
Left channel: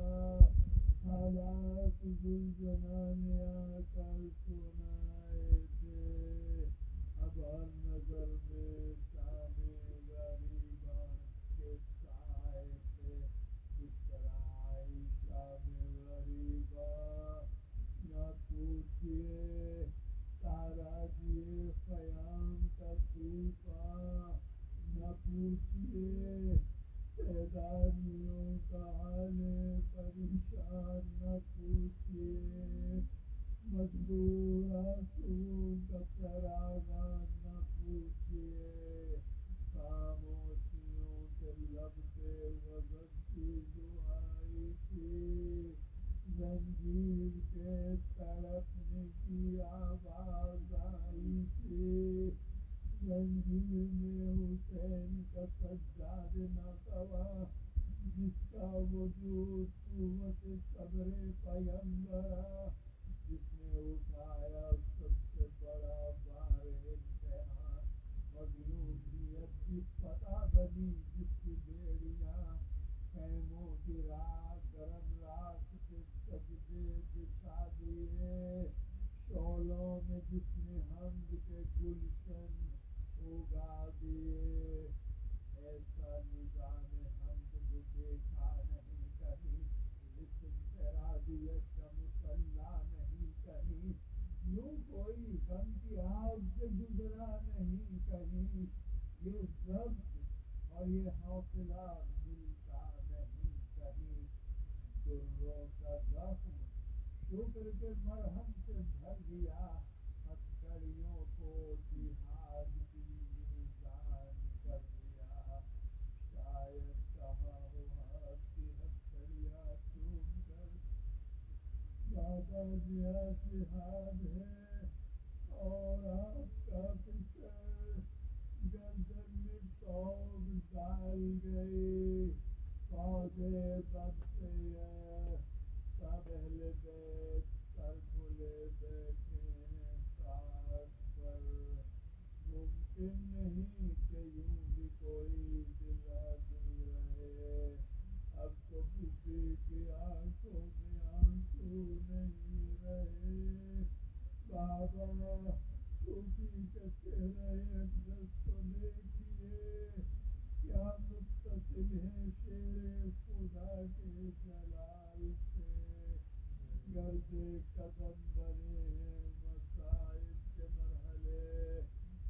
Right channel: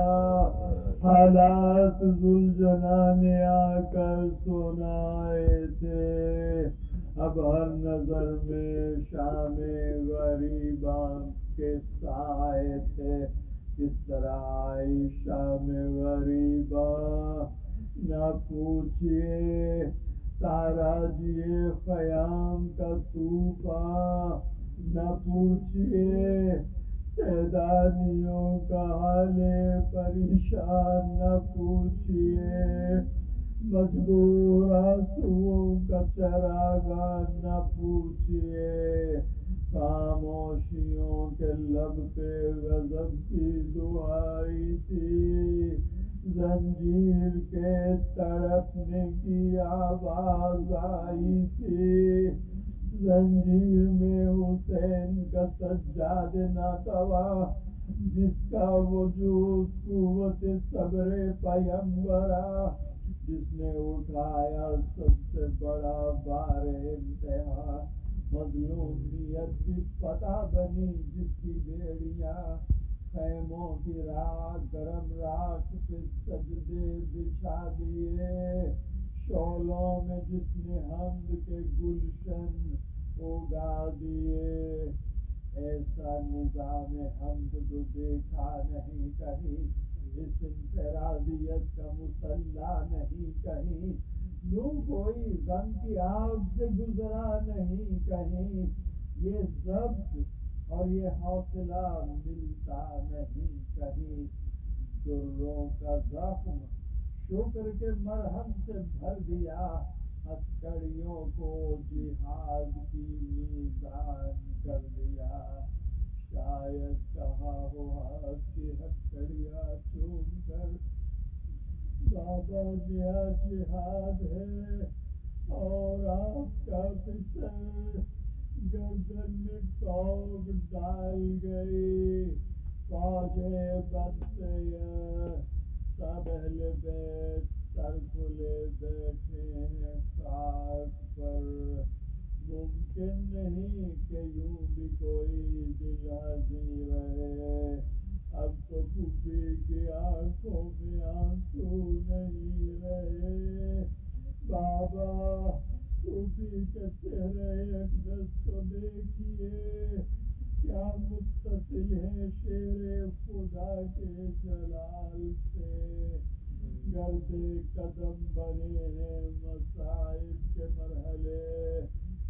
حالات ذوالجنا نے آ کر سنائے تھے، اب ہر نظر میں شام غریباں کے سائے تھے، کس طرح آئی شام غریباں نہ پوچھئے، تاراجیے خیام کا طوفاں نہ پوچھئے، سیدانیوں کا حال پریشان نہ پوچھئے، مجبور آنسوؤں کا چراغاں نہ پوچھئے، خاموشیوں کے لب پہ غضب کی دعائی تھی، زنجیر کے تڑپنے کی آواز آئی تھی، زنجیر میں حسین کا سجاد ناتوا، جس کا وجود قوت صبر پیمبرا، جس نے اٹھایا سب سے بڑا بار امتحان، مظلومیت کی فتح بنی جس کی بیڑیاں، خیموں کی راکھ گرم راکھ پہ سجدے بچھا دیے، شعلوں میں جس نے حمد کے گلشن اگا دیے، ایسا نظام حمد تو دیکھا نہیں کہیں، اس انفرادیت کا مسلح نہیں کہیں، یوں کوئی غم کی آگ سے گزرا نہیں کہیں، یہ ضبط اور یہ حوصلہ ملتا نہیں کہیں، دروں کا زخم شکر کے مرہم سے بھر دیا، ہتھکڑیوں کو جہاد کی میزان کر دیا، شاید کہاں ہو ہاتھ کی ہتھکڑیاں چوم کر بابا نیا جہاد ہے اور آپ کا فسر گردن میں توق ڈال گئی، فوج بد سے سب اہل بیت سر کھلے بیٹھے ہیں خاک پر، ممکن نہیں کہ یوں بھی کوئی دل ہنسی رہے، اب تو پھوپھی کی آنکھوں میں آنسو نہیں رہے، بابا پھوپھی کا چہرہ اقدس کو دیکھیے، کیا متصل ہے شیر خدا کے جلال سے، گرد قدم بنے ہیں مصائب کے مرحلے،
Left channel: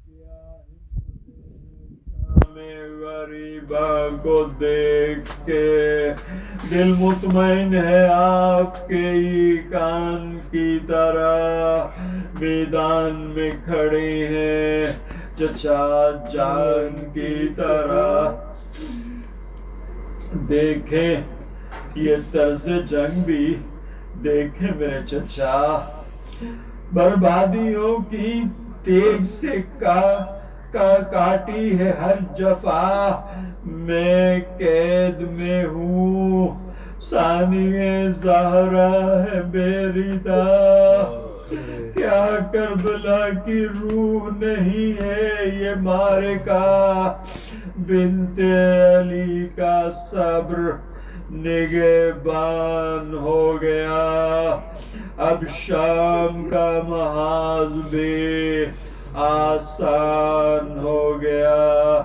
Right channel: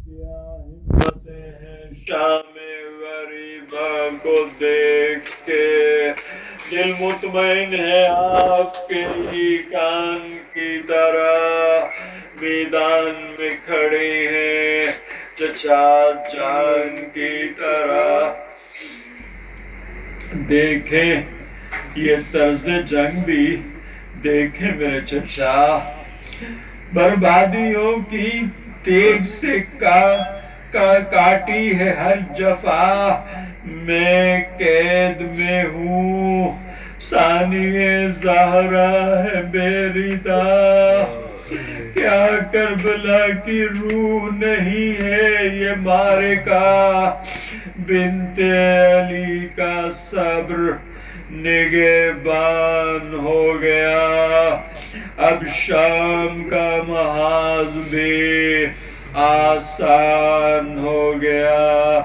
کیا ہمتیں ہیں شام غریباں کو دیکھ کے، دل مطمئن ہے آپ کے ہی کان کی طرح میدان میں کھڑے ہیں چچا جان کی طرح. دیکھیں یہ طرز جنگ بھی دیکھیں میرے چچا، بربادیوں کی تیغ سے کاٹی ہے ہر جفا. میں قید میں ہوں ثانیہ زہرا ہے بے ردا. کیا کربلا کی روح نہیں ہے یہ معرکہ. بنت علی کا صبر نگہبان ہو گیا. اب شام کا محاذ بھی آسان ہو گیا.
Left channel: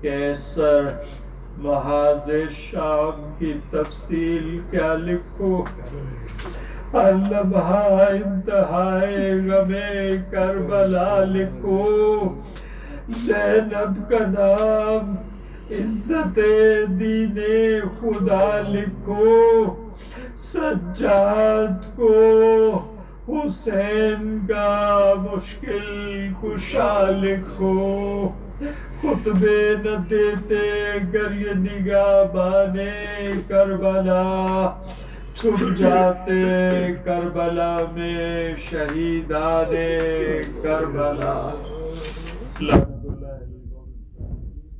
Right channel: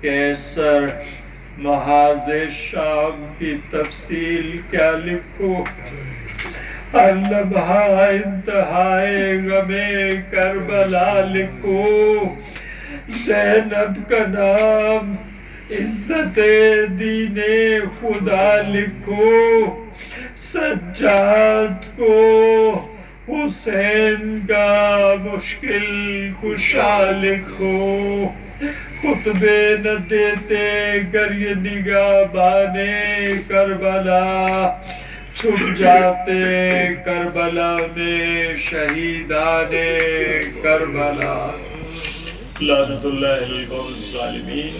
کیسر محاذ شام کی تفصیل کیا لکھو. ہر لمحہ انتہائے غم کربلا لکھو. زینب کا نام عزت دین خدا لکھو. سجاد کو حسین کا مشکل کشا لکھو. خطبے نہ دیتے گر یہ نگہبان کربلا. چھپ جاتے کربلا میں شہیدان کربلا. لعنت اللہ علی الظالمین.